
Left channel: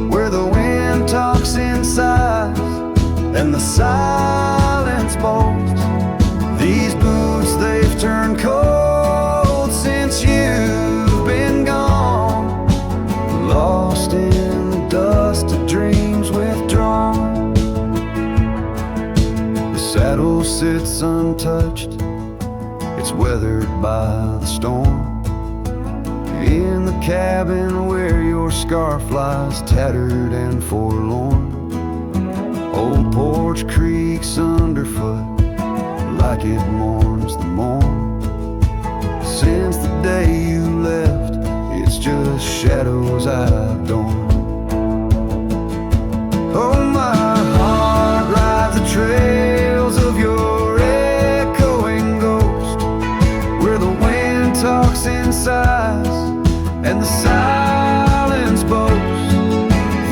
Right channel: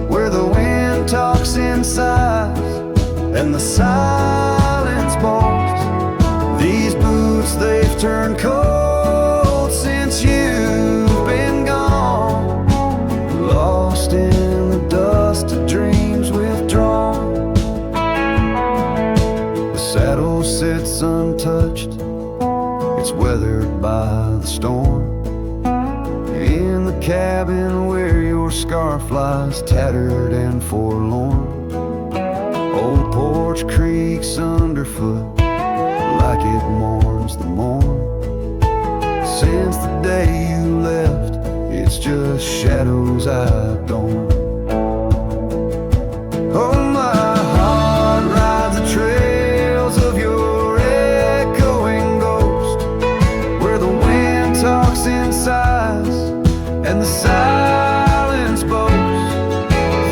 where the wind talks in sighs and the silence boasts. These boots, they've turned cold since you've been gone, lost in the dust of dreams withdrawn. The saddle sits untouched, it's weathered by the storm, in the cabin where your scarf lies tattered and forlorn. Old porch creaks underfoot like it mourns the morn. Since the day you left, it's just shadows I've dorn. Oh, my heart rides the trails of your echoing ghost, where the wind talks in sighs and the silence boasts.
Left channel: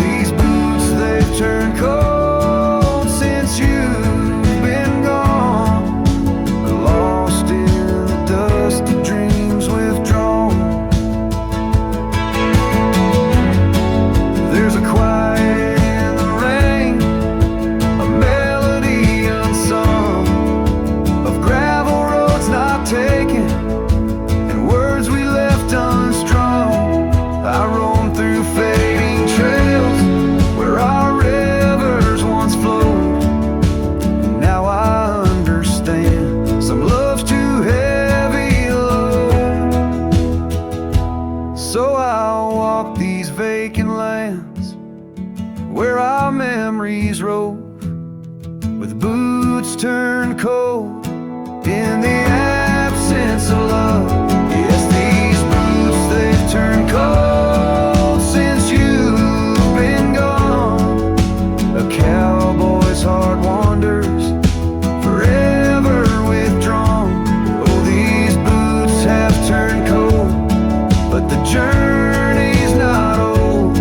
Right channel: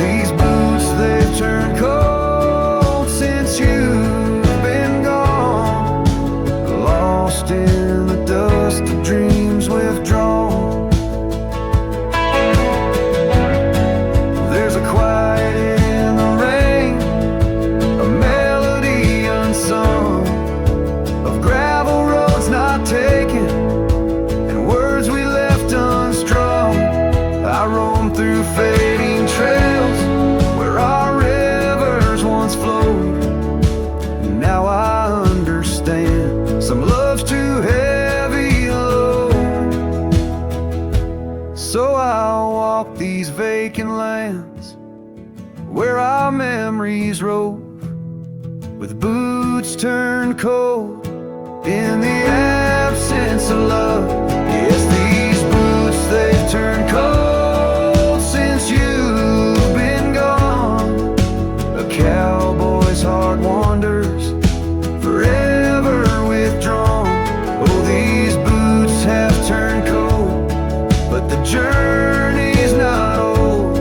These boots, they've turned cold since you've been gone, lost in the dust of dreams withdrawn. There's a quiet in the rain, a melody unsung, of gravel roads not taken and words we left unstrung. I roam through fading trails where our rivers once flowed, and now I understand some love's too heavy a load. So I'll walk these vacant lands where our memories rove, with boots turned cold in the absence of love. Yes, these boots, they've turned cold since you've been gone. A cowboy's heart wanders, forever withdrawn. Oh, these boots have turned cold, but the journey's not old.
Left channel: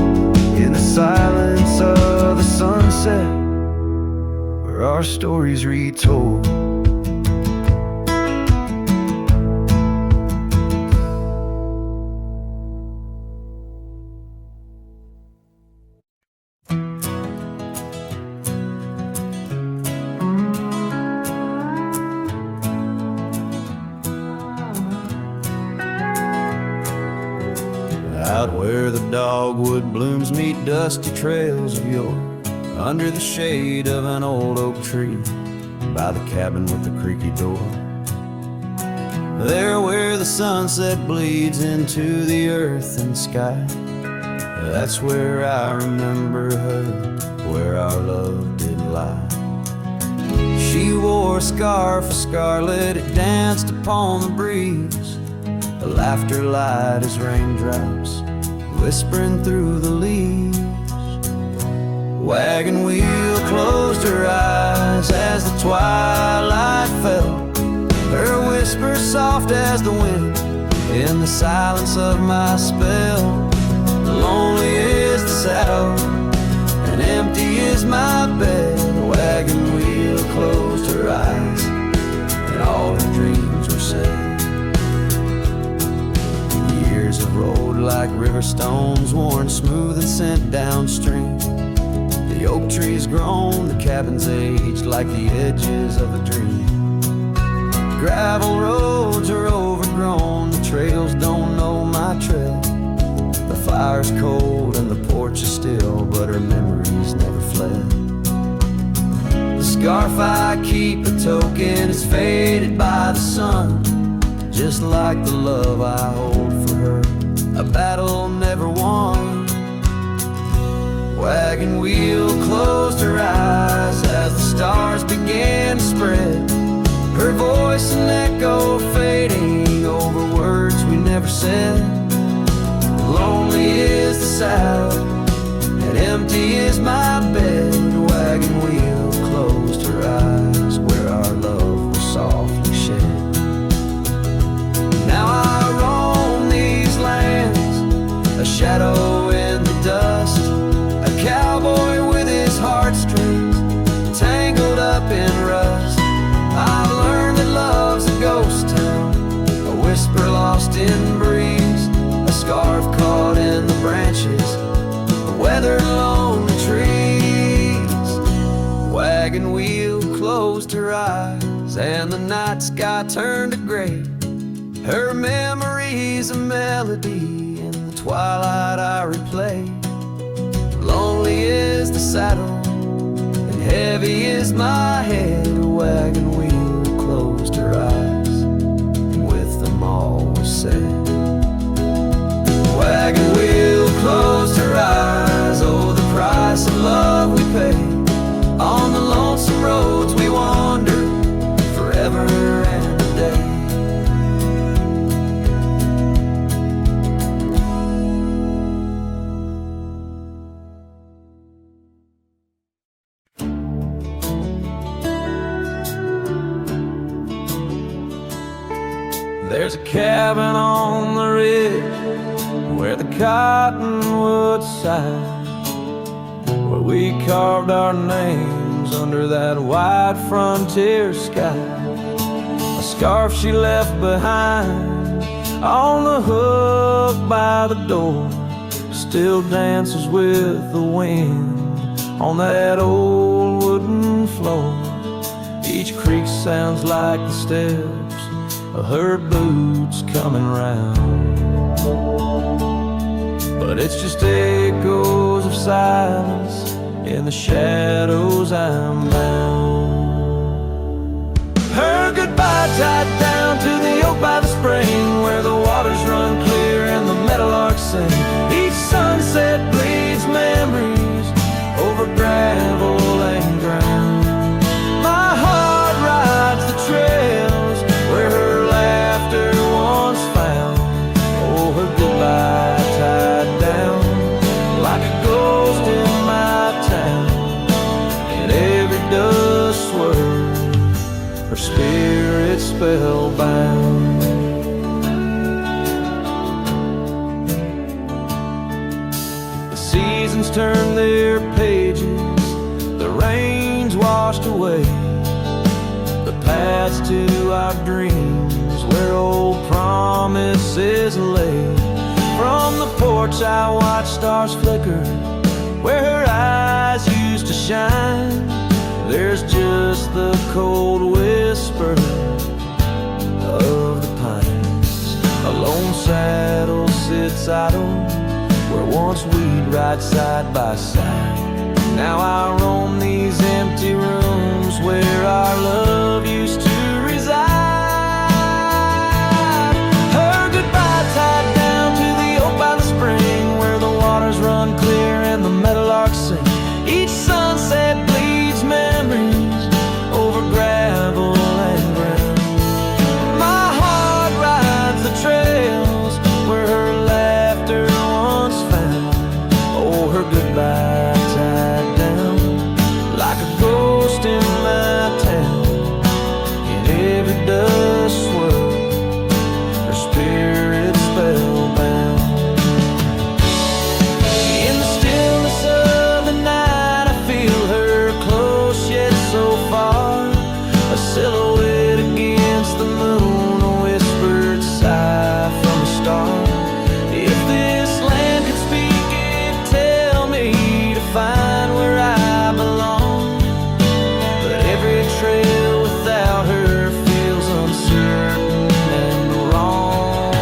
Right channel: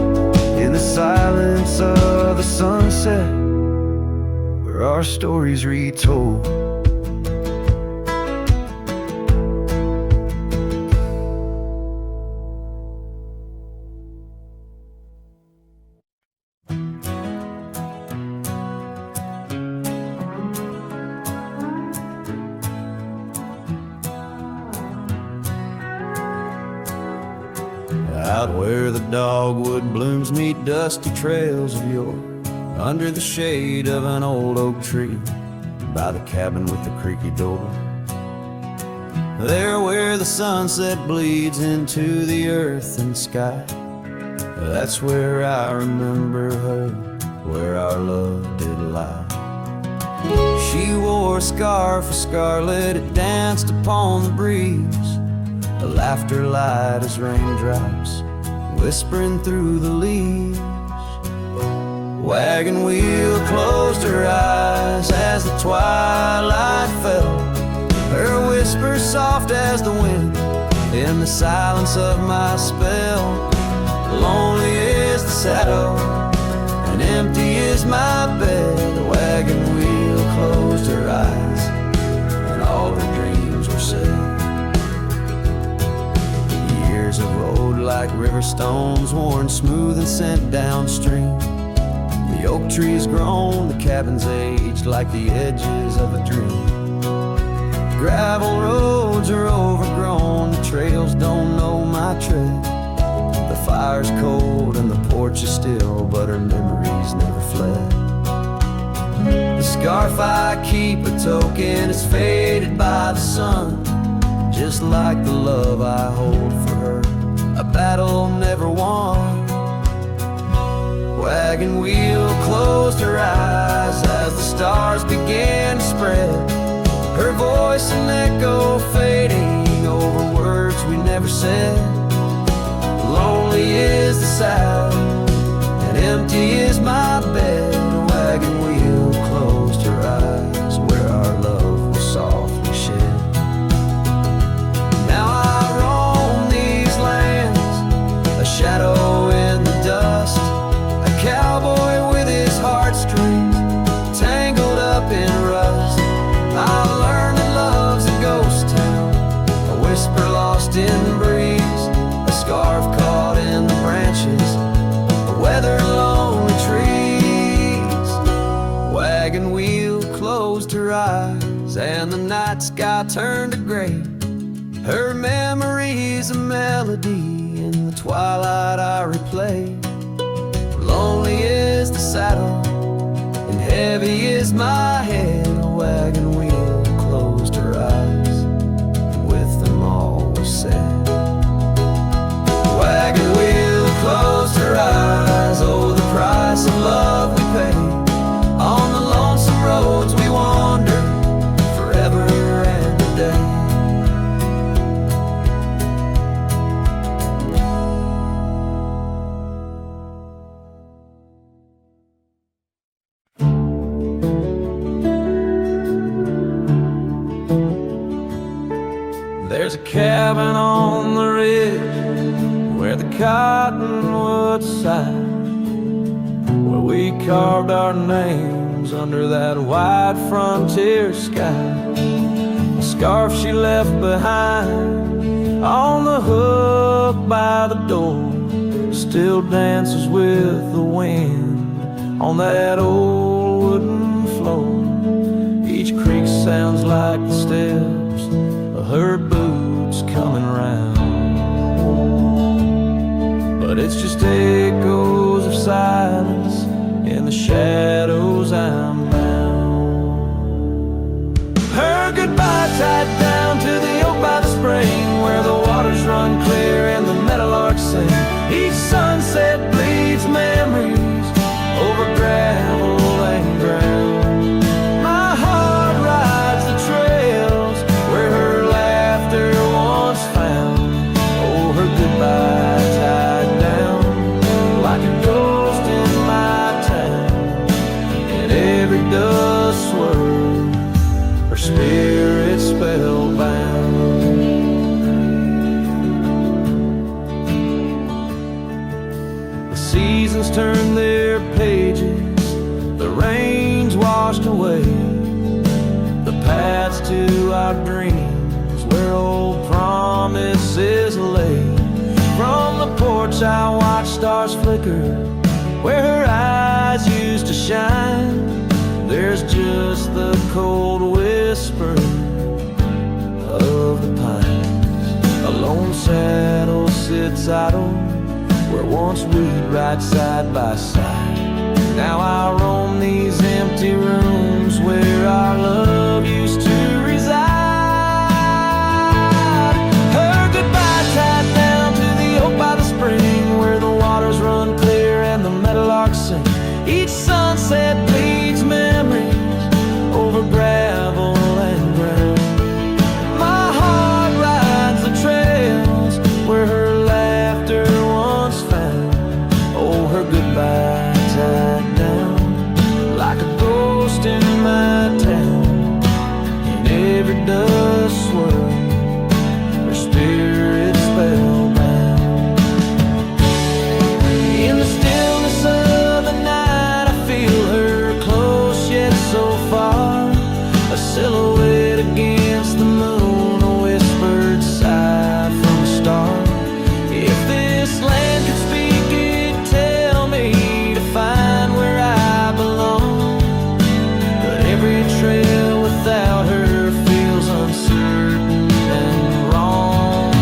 In the silence of the sunset, where our stories retold. Out where the dogwood blooms meet dusty trails of yore, under the shade of an old oak tree, by the cabin with the creaky door. There where the sunset bleeds into the earth and sky, that's where I remember her, where our love did lie. She wore a scarf of scarlet, it danced upon the breeze. Her laughter light as raindrops whispering through the leaves. Wagon wheel closed her eyes as the twilight fell. Her whisper soft as the wind in the silence of my spell. Lonely is the saddle and empty is my bed. The wagon wheel closed her eyes and all her dreams were said. Years have rolled like river stones, worn smooth and sent downstream. The oak tree's grown, the cabin's aged like the edges of a dream. Gravel roads are overgrown, the trails don't know my tread. The fire's cold and the porch is still, but her memories never fled. The scarf I keep a token, it's faded by the sun, just like the love I hold for her, a battle never won. Wagon wheel closed her eyes as the stars began to spread. Her voice an echo fading over words we never said. Lonely is the saddle and empty is my bed. A wagon wheel closed her eyes where our love was softly shed. Now I roam these lands, a shadow in the dust, a cowboy with his heartstrings tangled up in rust. I've learned that love's a ghost town, a whisper lost in breeze, a scarf caught in the branches, a weathered lonely trees. Wagon wheel closed her eyes and the night sky turned to gray. Her memory's a melody in the twilight I replay. Lonely is the saddle and heavy is my head. A wagon wheel closed her eyes and with them all was said. Wagon wheel closed her eyes, oh the price of love we pay. On the lonesome roads we wander forever and a day. There's a cabin on the ridge where the cottonwoods sigh, where we carved our names under that wide frontier sky. A scarf she left behind on the hook by the door still dances with the wind on that old wooden floor. Each creak sounds like the steps of her boots coming round, but it's just echoes of silence in the shadows I'm bound. Her goodbye tied down to the oak by the spring, where the waters run clear and the meadowlarks sing. Each sunset bleeds memories over gravel and ground. My heart rides the trails where her laughter once found. Oh, her goodbye tied down like a ghost in my town. In every dust swirl, her spirit spellbound. The seasons turn their pages, the rains washed away the paths to our dreams where old promises lay. From the porch I watch stars flicker where her eyes used to shine. There's just the cold whisper of the pines. A lone saddle sits idle where once we'd ride side by side. Now I roam these empty rooms where our love used to reside. Her goodbye tied down to the oak by the spring, where the waters run clear and the meadowlarks sing. Each sunset bleeds memories over over gravel and ground. My heart rides the trails where her laughter once found. Oh, her goodbye tied down like a ghost in my town. In every dust swirl, her spirit spellbound. In the stillness of the night, I feel her close yet so far, a silhouette against the moon, a whispered sigh from a star. If this land could speak, it'd tell me to find where I belong. But every trail without her feels uncertain and wrong.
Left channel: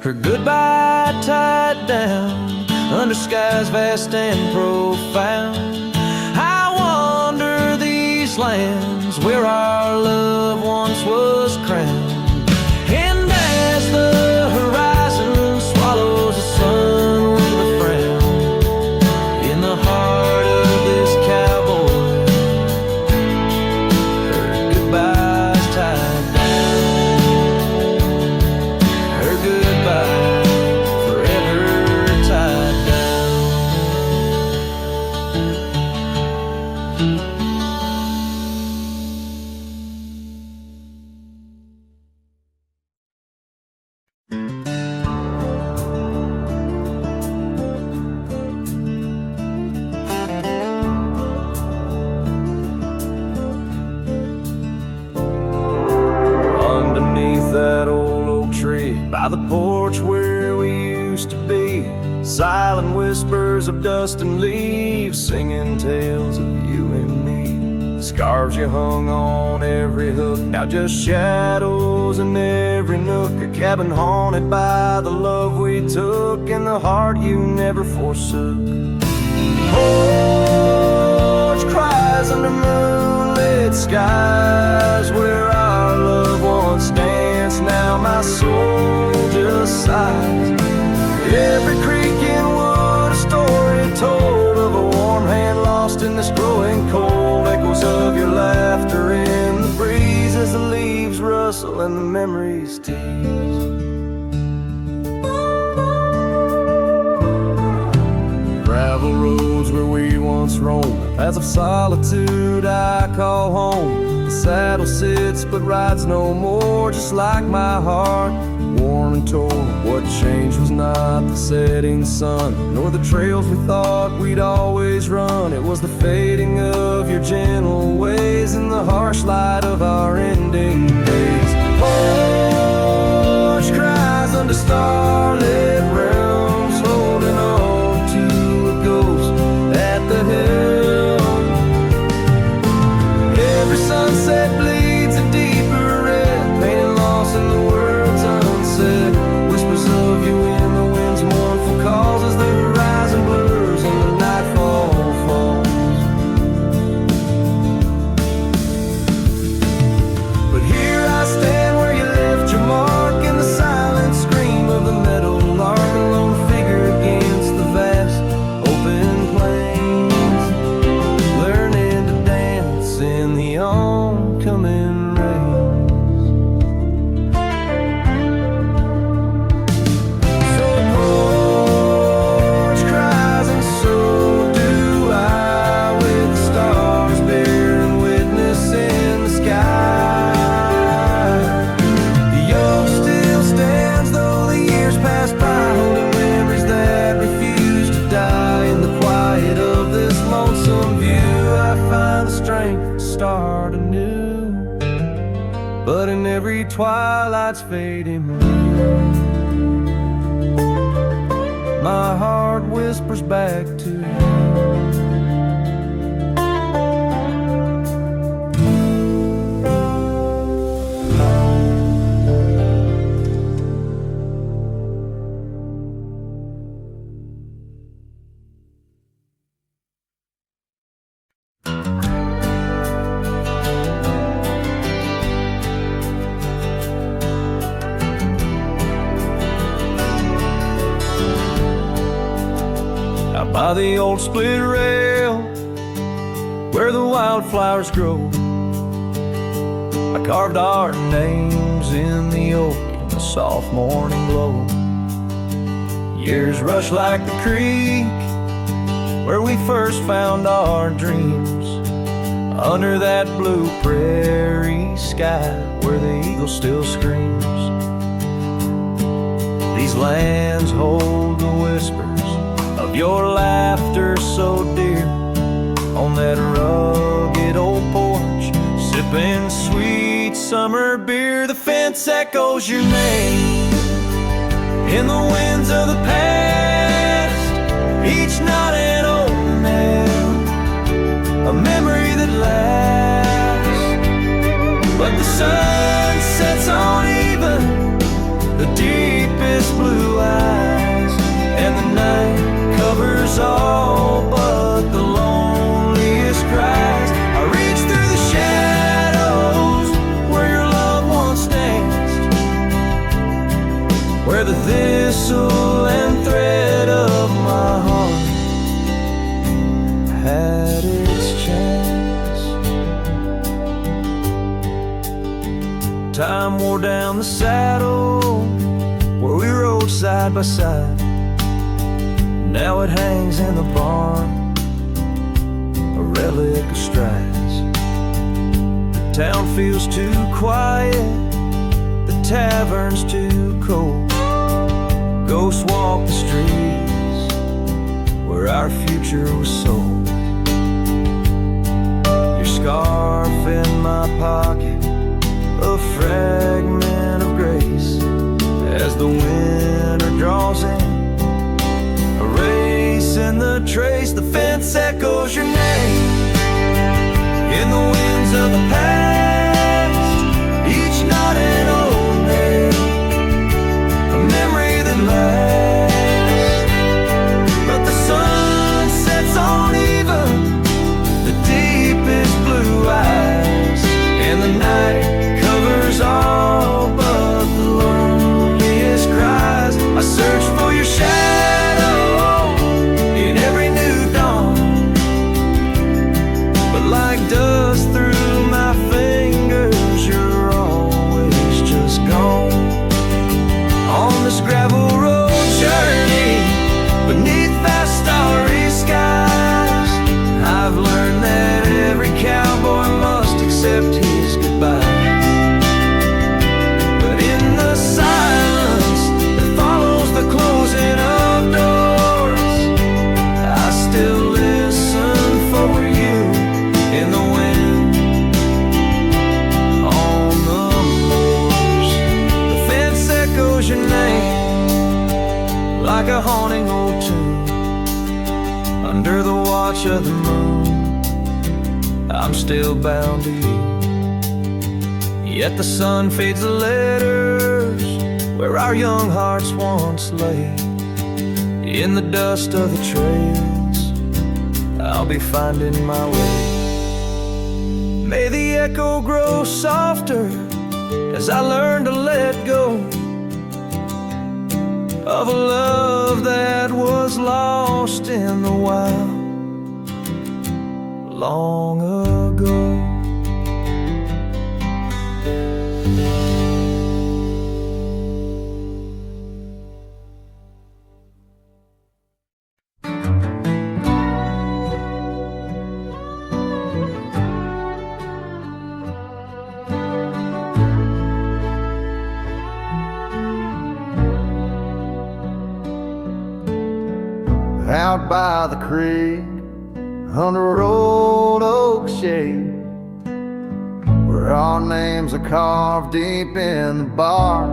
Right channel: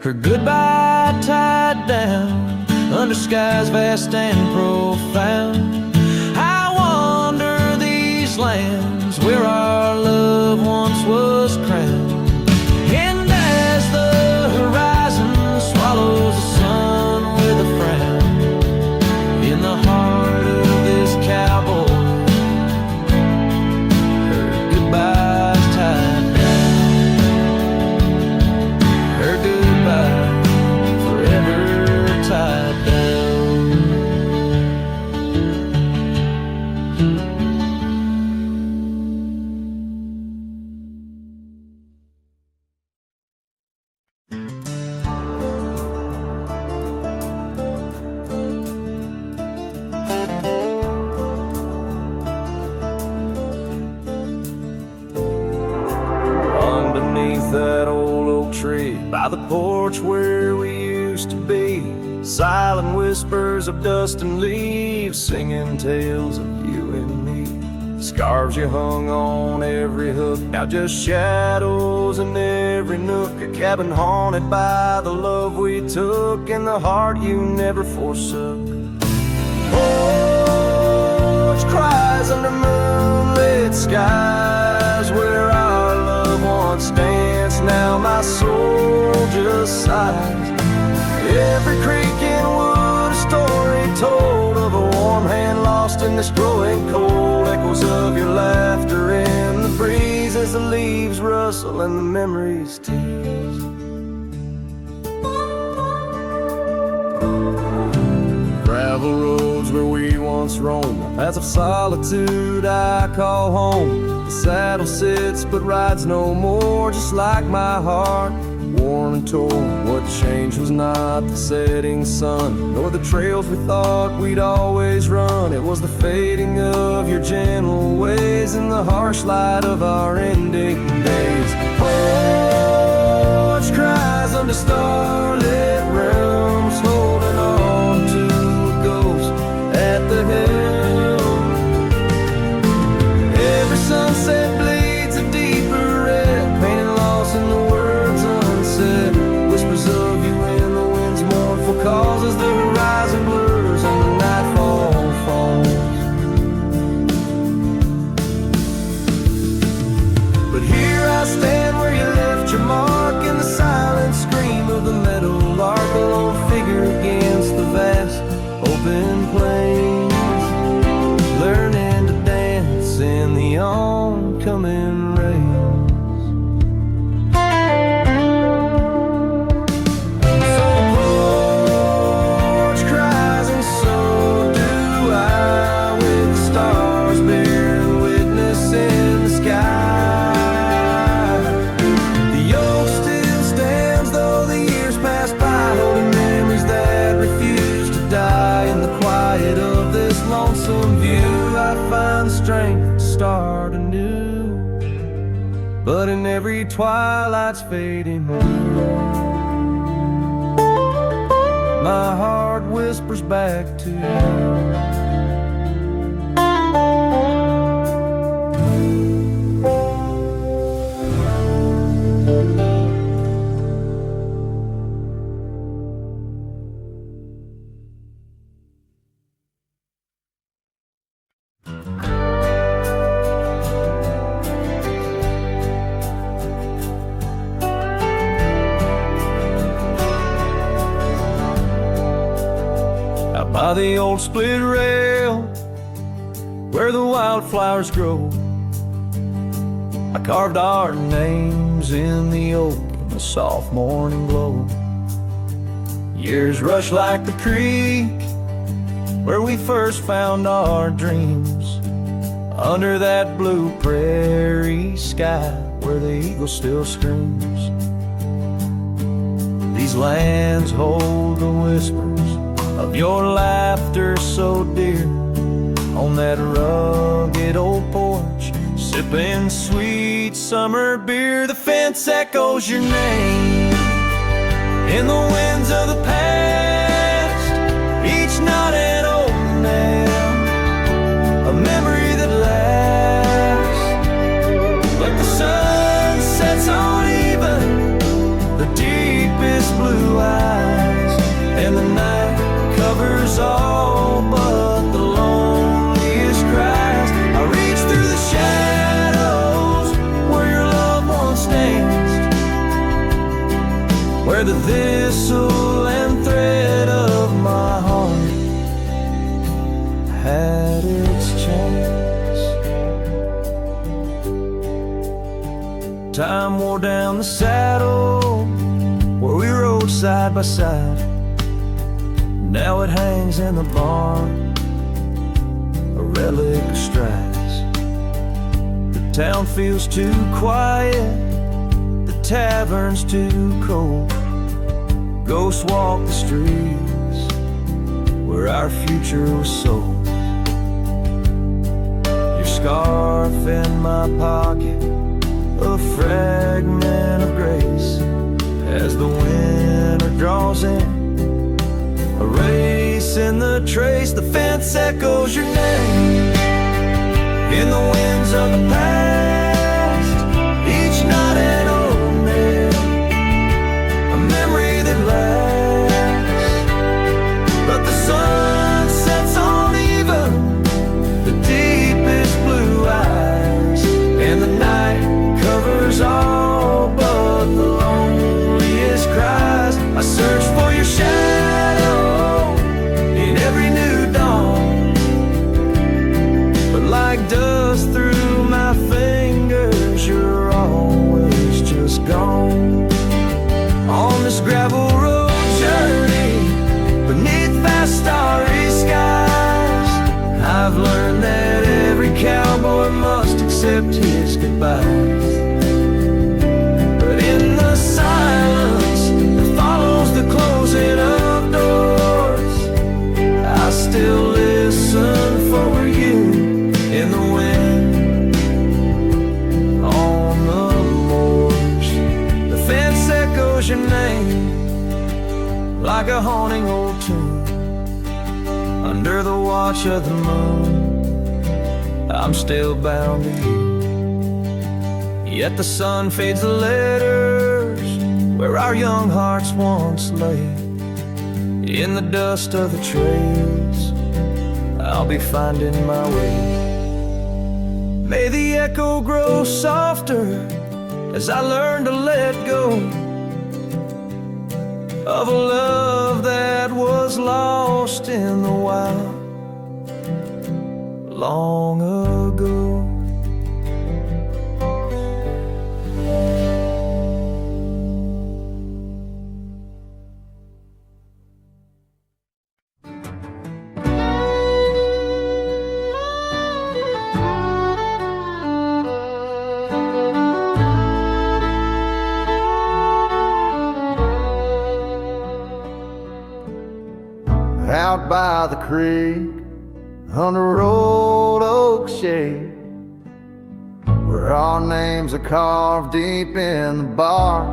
Her goodbye tied down under skies vast and profound. I wander these lands where our love once was crowned. And as the horizon swallows the sun with a frown, in the heart of this cowboy, her goodbye's tied down. Her goodbye forever tied down. Underneath that old oak tree, by the porch where we used to be, silent whispers of dust and leaves, singing tales of you and me. Scarves you hung on every hook, now just shadows in every nook. A cabin haunted by the love we took, and the heart you never forsook. Porch cries under moonlit skies, where our love once danced, now my soul just sighs. Every creek and wood, a story told of a warm hand lost in this growing cold. Echoes of your laughter in the breeze as the leaves rustle and the memories tease. Gravel roads where we once roamed, the paths of solitude I call home. The saddle sits but rides no more, just like my heart, worn and torn. What changed was not the setting sun, nor the trails we thought we'd always run. It was the fading of your gentle ways and the harsh light of our ending days. Porch cries under starlit realms, holding on to a ghost at the helm. Every sunset bleeds a deeper red, pain and loss in the words unsaid. Whispers of you in the wind's mournful calls as the horizon blurs and the nightfall falls. But here I stand where you left your mark, in the silent scream of the meadow lark, a lone figure against the vast open plains, learning to dance in the oncoming rains. So porch cries and so do I, with the stars bearing witness in the sky. The oak still stands though the years pass by, holding memories that refuse to die. In the quiet of this lonesome view, I find the strength to start anew. But in every twilight's fading blue, my heart whispers back to you. By the old split rail, where the wildflowers grow. I carved our names in the oak in the soft morning glow. Years rush like the creek where we first found our dreams, under that blue prairie sky where the eagle still screams. These lands hold the whispers of your laughter so dear, on that rugged old porch, sipping sweet summer beer. The fence echoes your name in the winds of the past, each knot an old nail, a memory that lasts. But the sun sets on even the deepest blue eyes, and the night covers all but the loneliest cries. I reach through the shadows where your loved ones danced, where the thistle and thread of my heart had its chance. Time wore down the saddle where we rode side by side. Now it hangs in the barn, a relic of strides. The town feels too quiet, the tavern's too cold. Ghosts walk the streets where our future was sold. Your scarf in my pocket, a fragment of grace, as the winter draws in, a race in the trace. The fence echoes your name in the winds of the past, each knot an old nail, a memory that lasts. But the sun sets on even the deepest blue eyes, and the night covers all but the loneliest cries. I search for your shadow in every new dawn, but like dust through my fingers, you're always just gone. On this gravel road journey beneath vast starry skies, I've learned that every cowboy must accept his goodbyes. But in the silence that follows the closing of doors, I still listen for you in the wind on the moors. The fence echoes your name like a haunting old tune, under the watch of the moon. I'm still bound to you. Yet the sun fades the letters where our young hearts once lay. In the dust of the trails, I'll be finding my way. May the echo grow softer as I learn to let go of a love that was lost in the wild long ago. Out by the creek, under old oak shade, where our names are carved deep in the bark.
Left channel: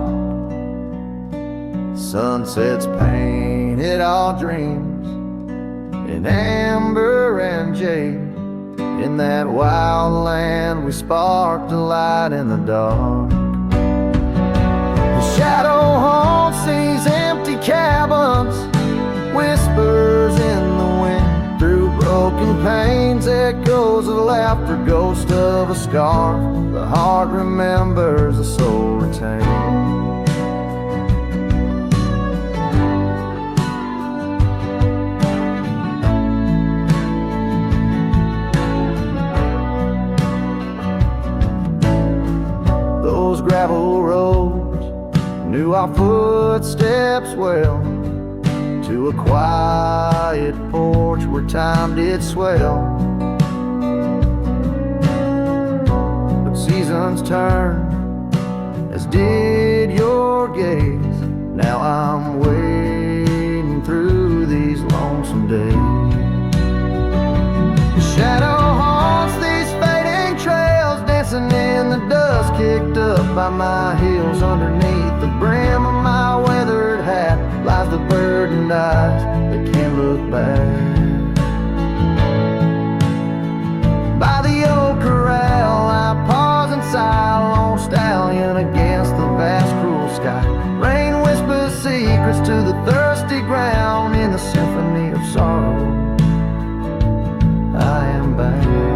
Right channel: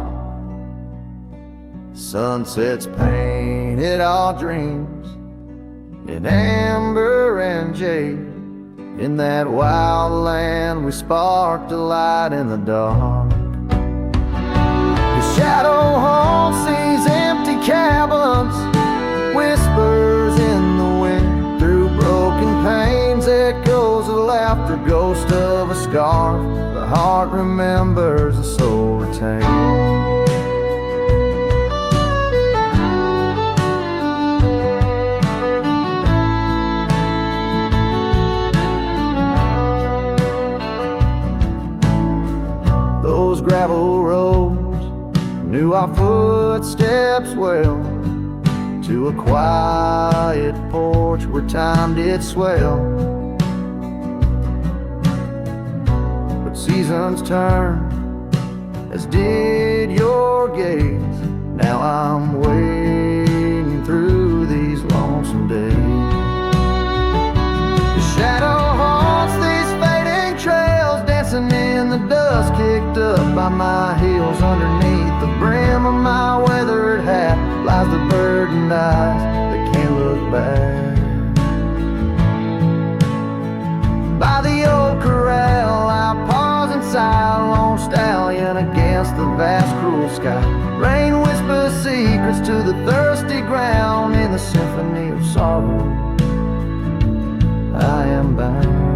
Sunsets painted our dreams in amber and jade. In that wild land we sparked a light in the dark. The shadow haunts these empty cabins, whispers in the wind. Through broken panes, echoes of laughter, ghost of a scarf. The heart remembers, the soul retains. those gravel roads, knew our footsteps well, to a quiet porch where time did swell. But seasons turn, as did your gaze. Now I'm wading through these lonesome days. The shadow haunts these fading trails, dancing in the dust kicked up by my heels. Underneath the brim of my weathered hat lies the burdened eyes that can't look back. By the old corral I pause and sigh, a lone stallion against the vast cruel sky. Rain whispers secrets to the thirsty ground. In the symphony of sorrow I am bound.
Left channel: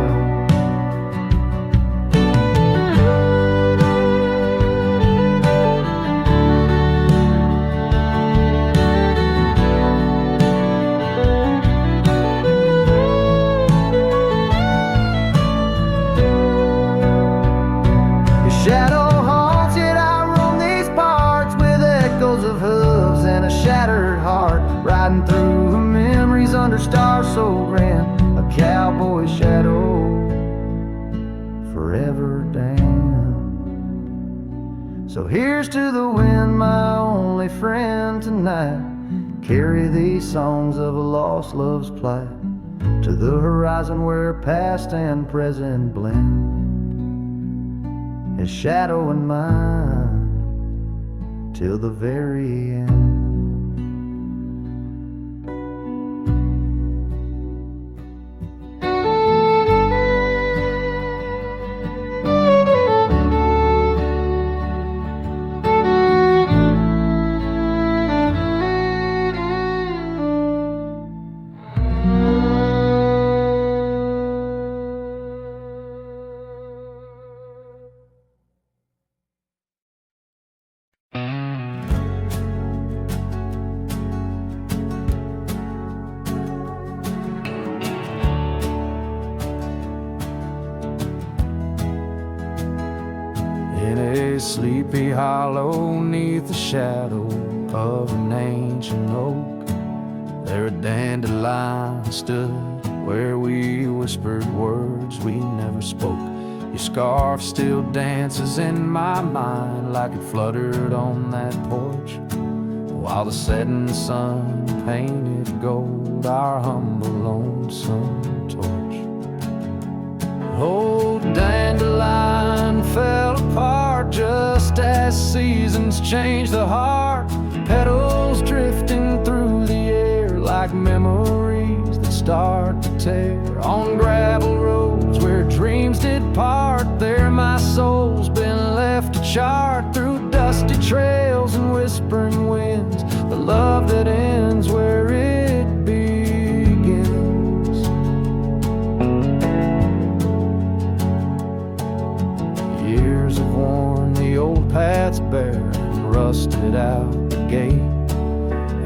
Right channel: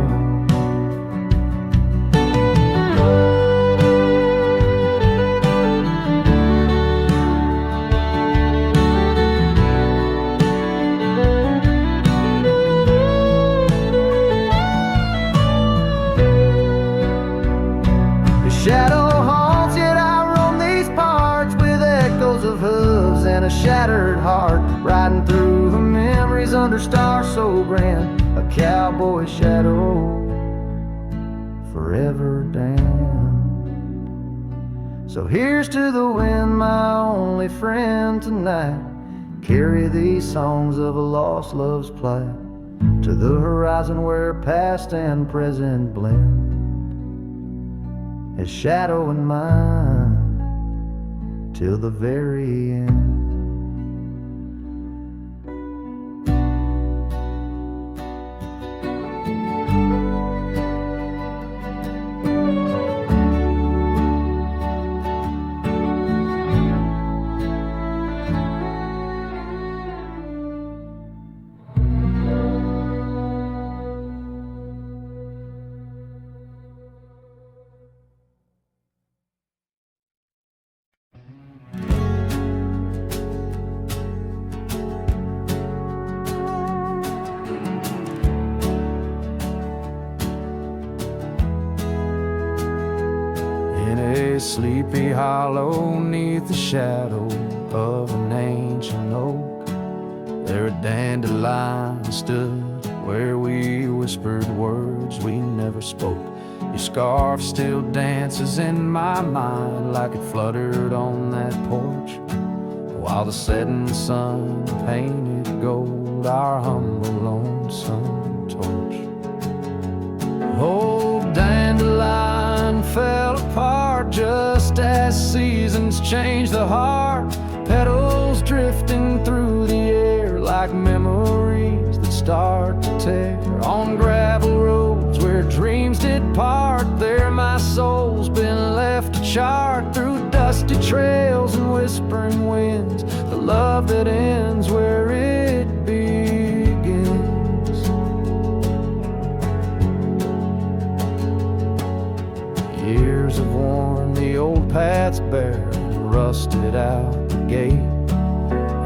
Your shadow haunts, yet I roam these parts with echoes of hooves and a shattered heart, riding through the memories under stars so grand. A cowboy's shadow forever damned. So here's to the wind, my only friend tonight. Carry these songs of a lost love's plight to the horizon where past and present blend. His shadow and mine till the very end. In a sleepy hollow neath the shadow of an ancient oak, there a dandelion stood where we whispered words we never spoke. Your scarf still dances in my mind like it fluttered on that porch, while the setting sun painted gold our humble lonesome torch. Old dandelion fell apart just as seasons change the heart. Petals drifting through the air like memories that start to tear. On gravel roads where dreams did part, there my soul's been left to chart. Through dusty trails and whispering winds, the love that ends where it begins. Years have worn the old paths bare and rusted out the gate,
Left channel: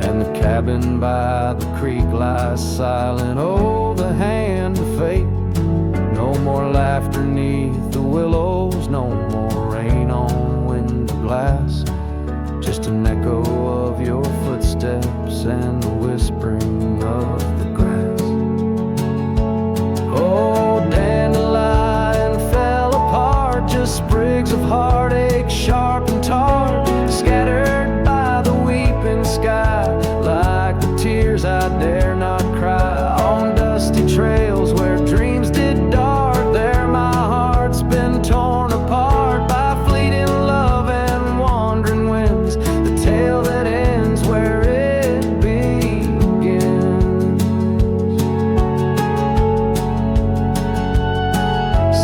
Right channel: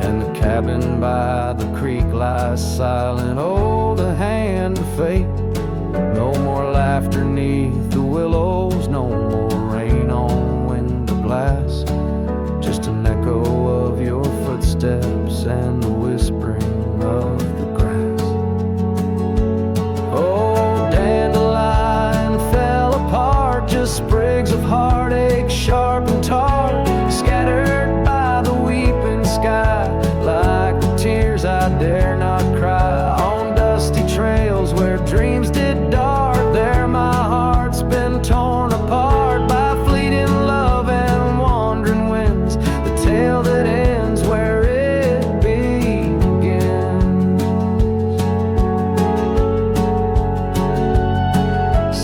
and the cabin by the creek lies silent. Oh, the hand of fate. No more laughter neath the willows, no more rain on window glass, just an echo of your footsteps and the whispering of the grass. Oh, dandelion fell apart, just sprigs of heartache, sharp and tart, scattered by the weeping sky, like the tears I dare not cry. On dusty trails where dreams did dart, there my heart's been torn apart by fleeting love and wandering winds, the tale that ends where it begins.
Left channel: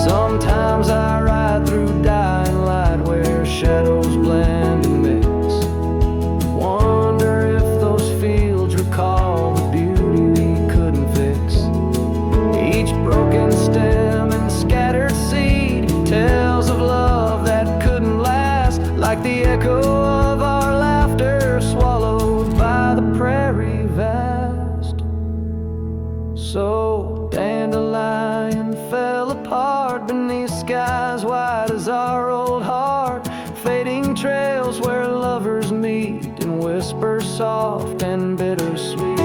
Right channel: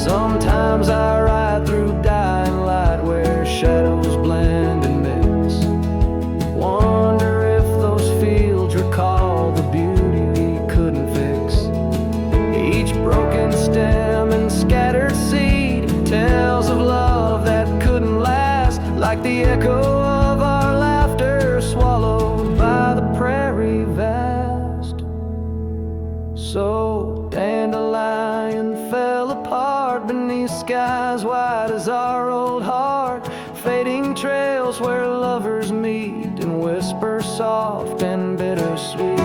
Sometimes I ride through dying light where shadows blend and mix. Wonder if those fields recall the beauty we couldn't fix. Each broken stem and scattered seed tells of love that couldn't last, like the echo of our laughter swallowed by the prairie vast. So dandelion fell apart beneath skies wide as our old heart, fading trails where lovers meet and whisper soft and bittersweet.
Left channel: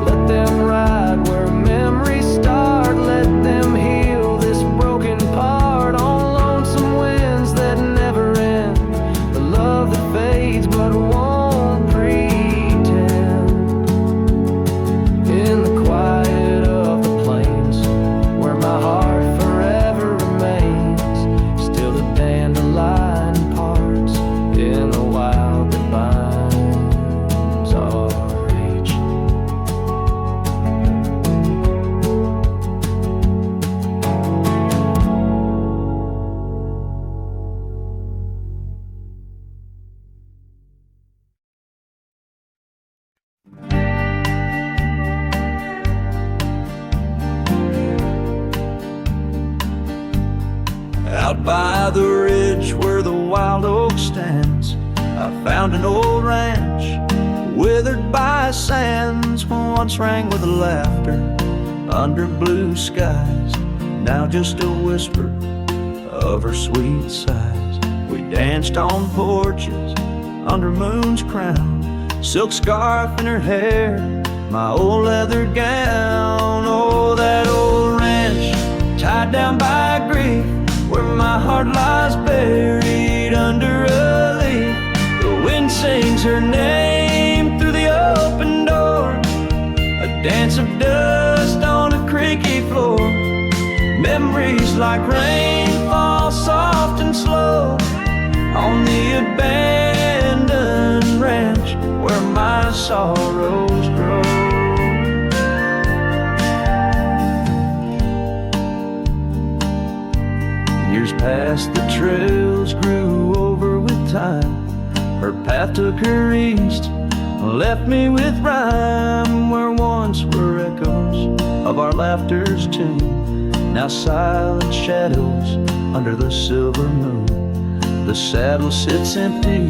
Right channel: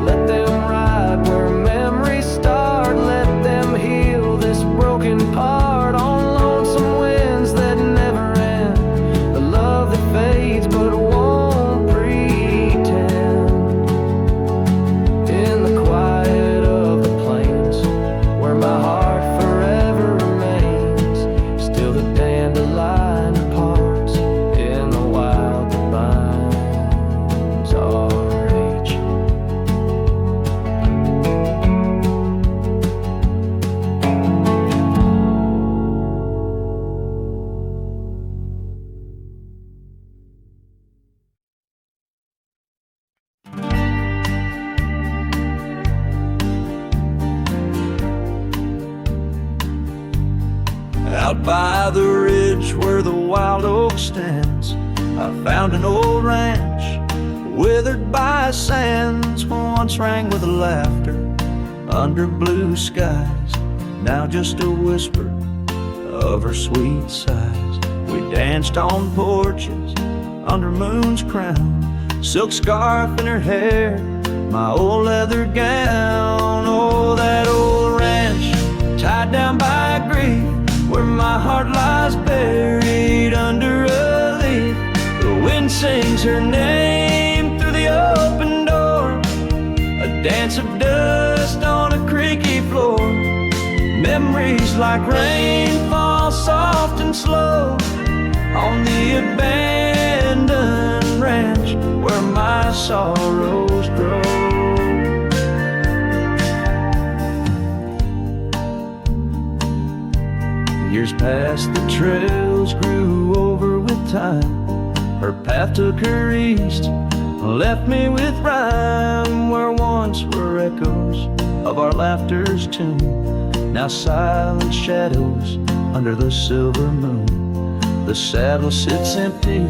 Let them ride where memories start, let them heal this broken part on lonesome winds that never end. The love that fades but won't pretend. In the quiet of the plains where my heart forever remains, still the dandelion parts in the wild that binds our age. Out by the ridge where the wild oak stands, I found an old ranch, withered by sands. Once rang with laughter under blue skies, now just a whisper of her sweet sighs. We danced on porches under moon's crown, silk scarf in her hair, my old leather gown. Oh, that old ranch tied down by grief, where my heart lies buried under a leaf. The wind sings her name through the open door, a dance of dust on a creaky floor. Memories like rain fall soft and slow on the abandoned ranch where my sorrows grow. Years passed, the trails grew over with time. Her path took her east, left me with rhyme. Where once were echoes of our laughter's tune, now silent shadows under the silver moon. The saddle sits empty,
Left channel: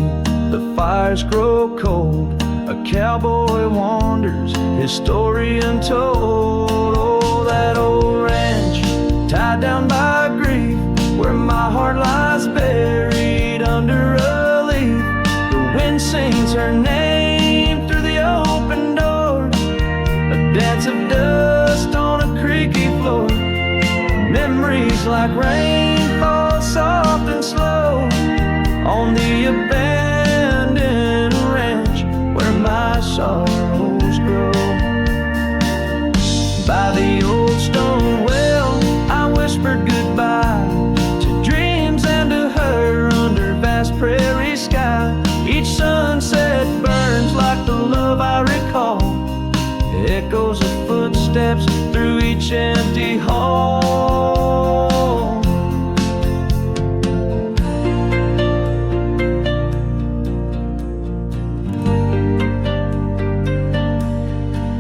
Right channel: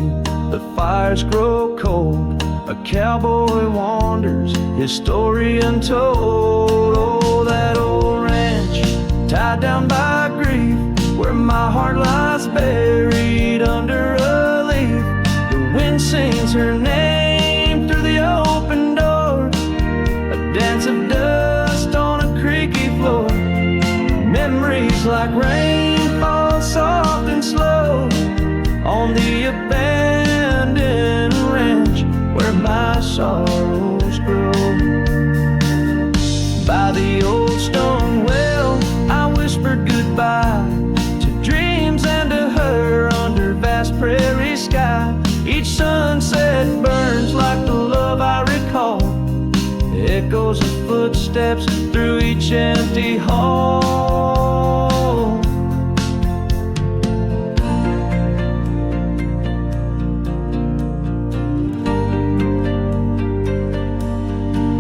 the fires grow cold. A cowboy wanders, his story untold. Oh, that old ranch tied down by grief, where my heart lies buried under a leaf. The wind sings her name through the open door, a dance of dust on a creaky floor. Memories like rain fall soft and slow on the abandoned ranch where my sorrows grow. By the old stone well, I whispered goodbye to dreams and to her under vast prairie sky. Each sunset burns like the love I recall, echoes of footsteps through each empty hall.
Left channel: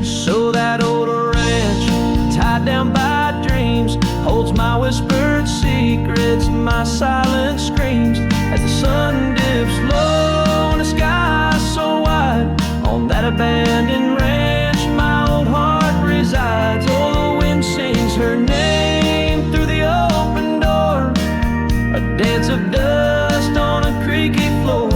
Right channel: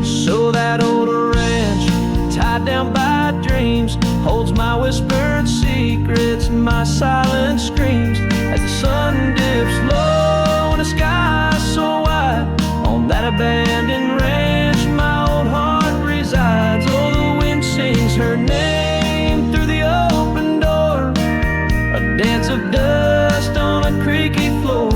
So that old ranch, tied down by dreams, holds my whispered secrets, my silent screams. As the sun dips low in a sky so wide, on that abandoned ranch my old heart resides. Oh, the wind sings her name through the open door, a dance of dust on a creaky floor.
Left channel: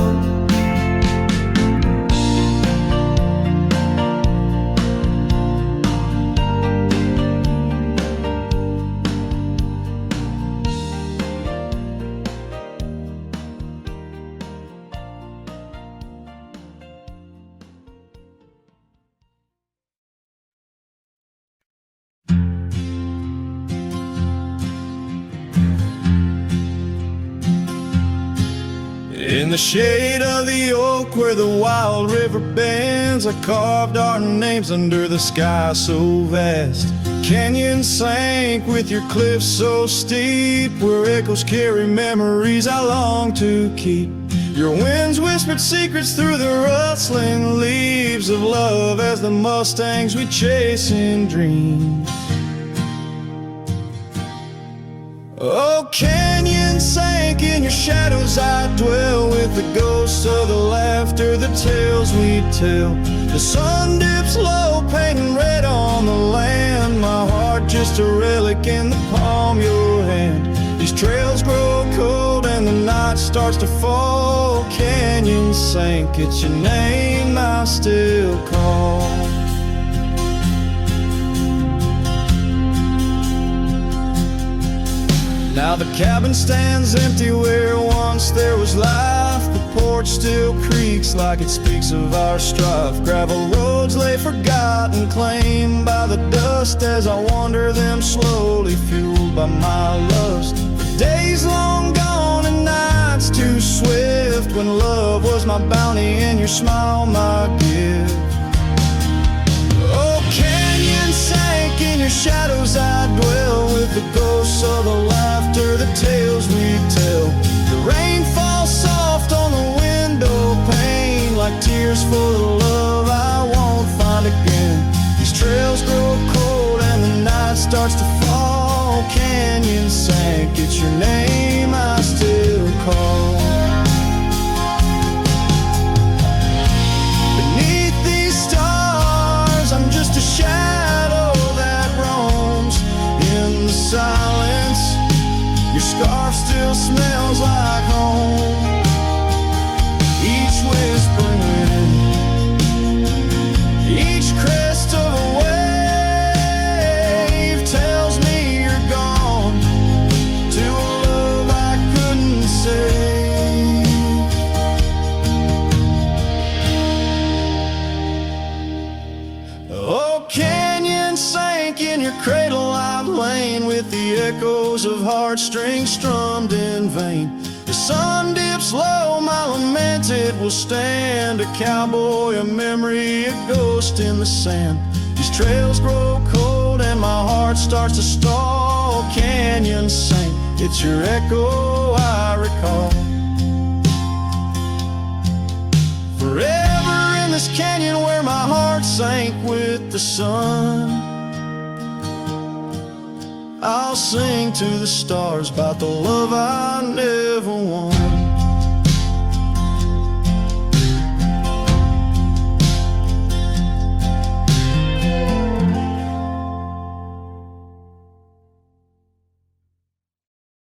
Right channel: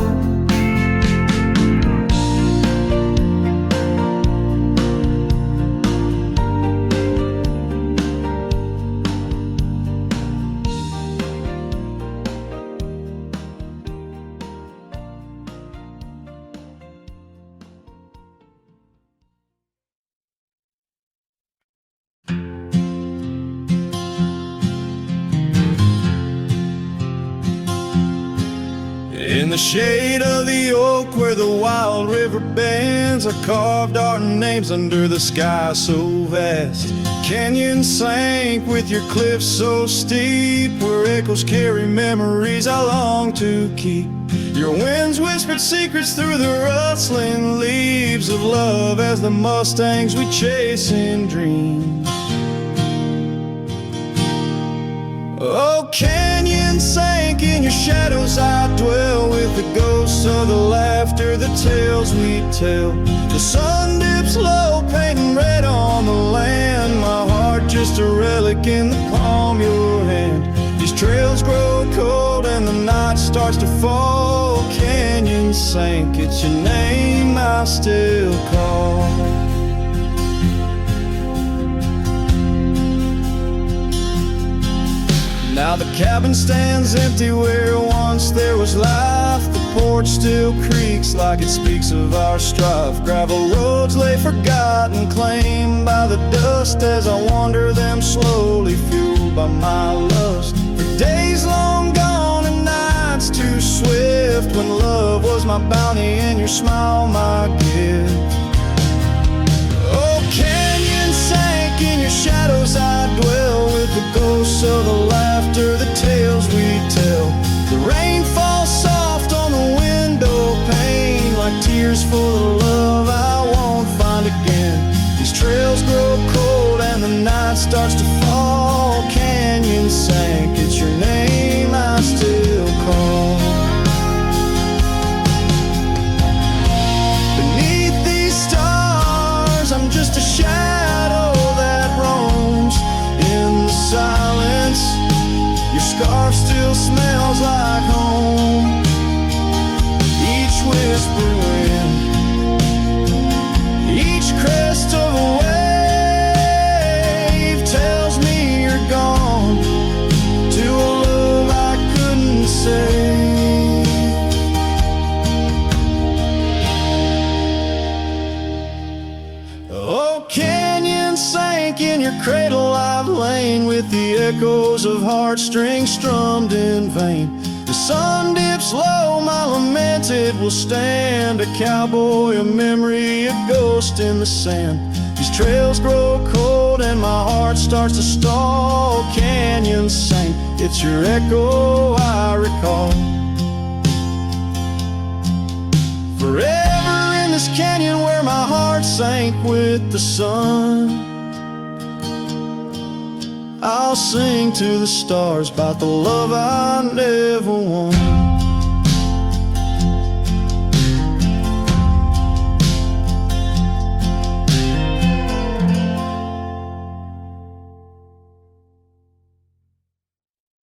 In the shade of the oak where the wild river bends, I carved our names under the sky so vast. Canyons sank with your cliffs so steep, where echoes carry memories I long to keep. Your winds whispered secrets through the rustling leaves of love as the mustangs we chase in dreams. Oh, canyon sank in your shadows, I dwell with the ghosts of the laughter, the tales we tell. The sun dips low, painting red on the land, my heart just a relic in the palm of your hand. These trails grow cold and the night starts to fall. Canyon sank, it's your name I still call. Now the cabin stands empty where once there was life. The porch still creaks like it speaks of our strife. Gravel roads lay forgotten, claimed by the dust, as I wander them slowly, fueled by my lust. For days long gone and nights too swift, when love was my bounty and your smile my gift. Oh, canyon sank, in your shadows I dwell, with the ghosts of the laughter, the tales we tell. The rain falls soft on the window pane, like tears for the love I won't find again. These trails grow cold and the night starts to fall. Canyon sank, it's your name I still call. Beneath these stars, I'm just a shadow that roams in the silence. Your scarf still smells like home. Each whispering wind, each crest of a wave tells me you're gone to a love I couldn't save. Oh, canyon sank, in your cradle I've lain, with the echoes of heartstrings strummed in vain. The sun dips low, my lament it will stand, a cowboy, a memory, a ghost in the sand. These trails grow cold and my heart starts to stall. Canyon sank, it's your echo I recall. Forever in this canyon where my heart sank with the sun, I'll sing to the stars about the love I never won.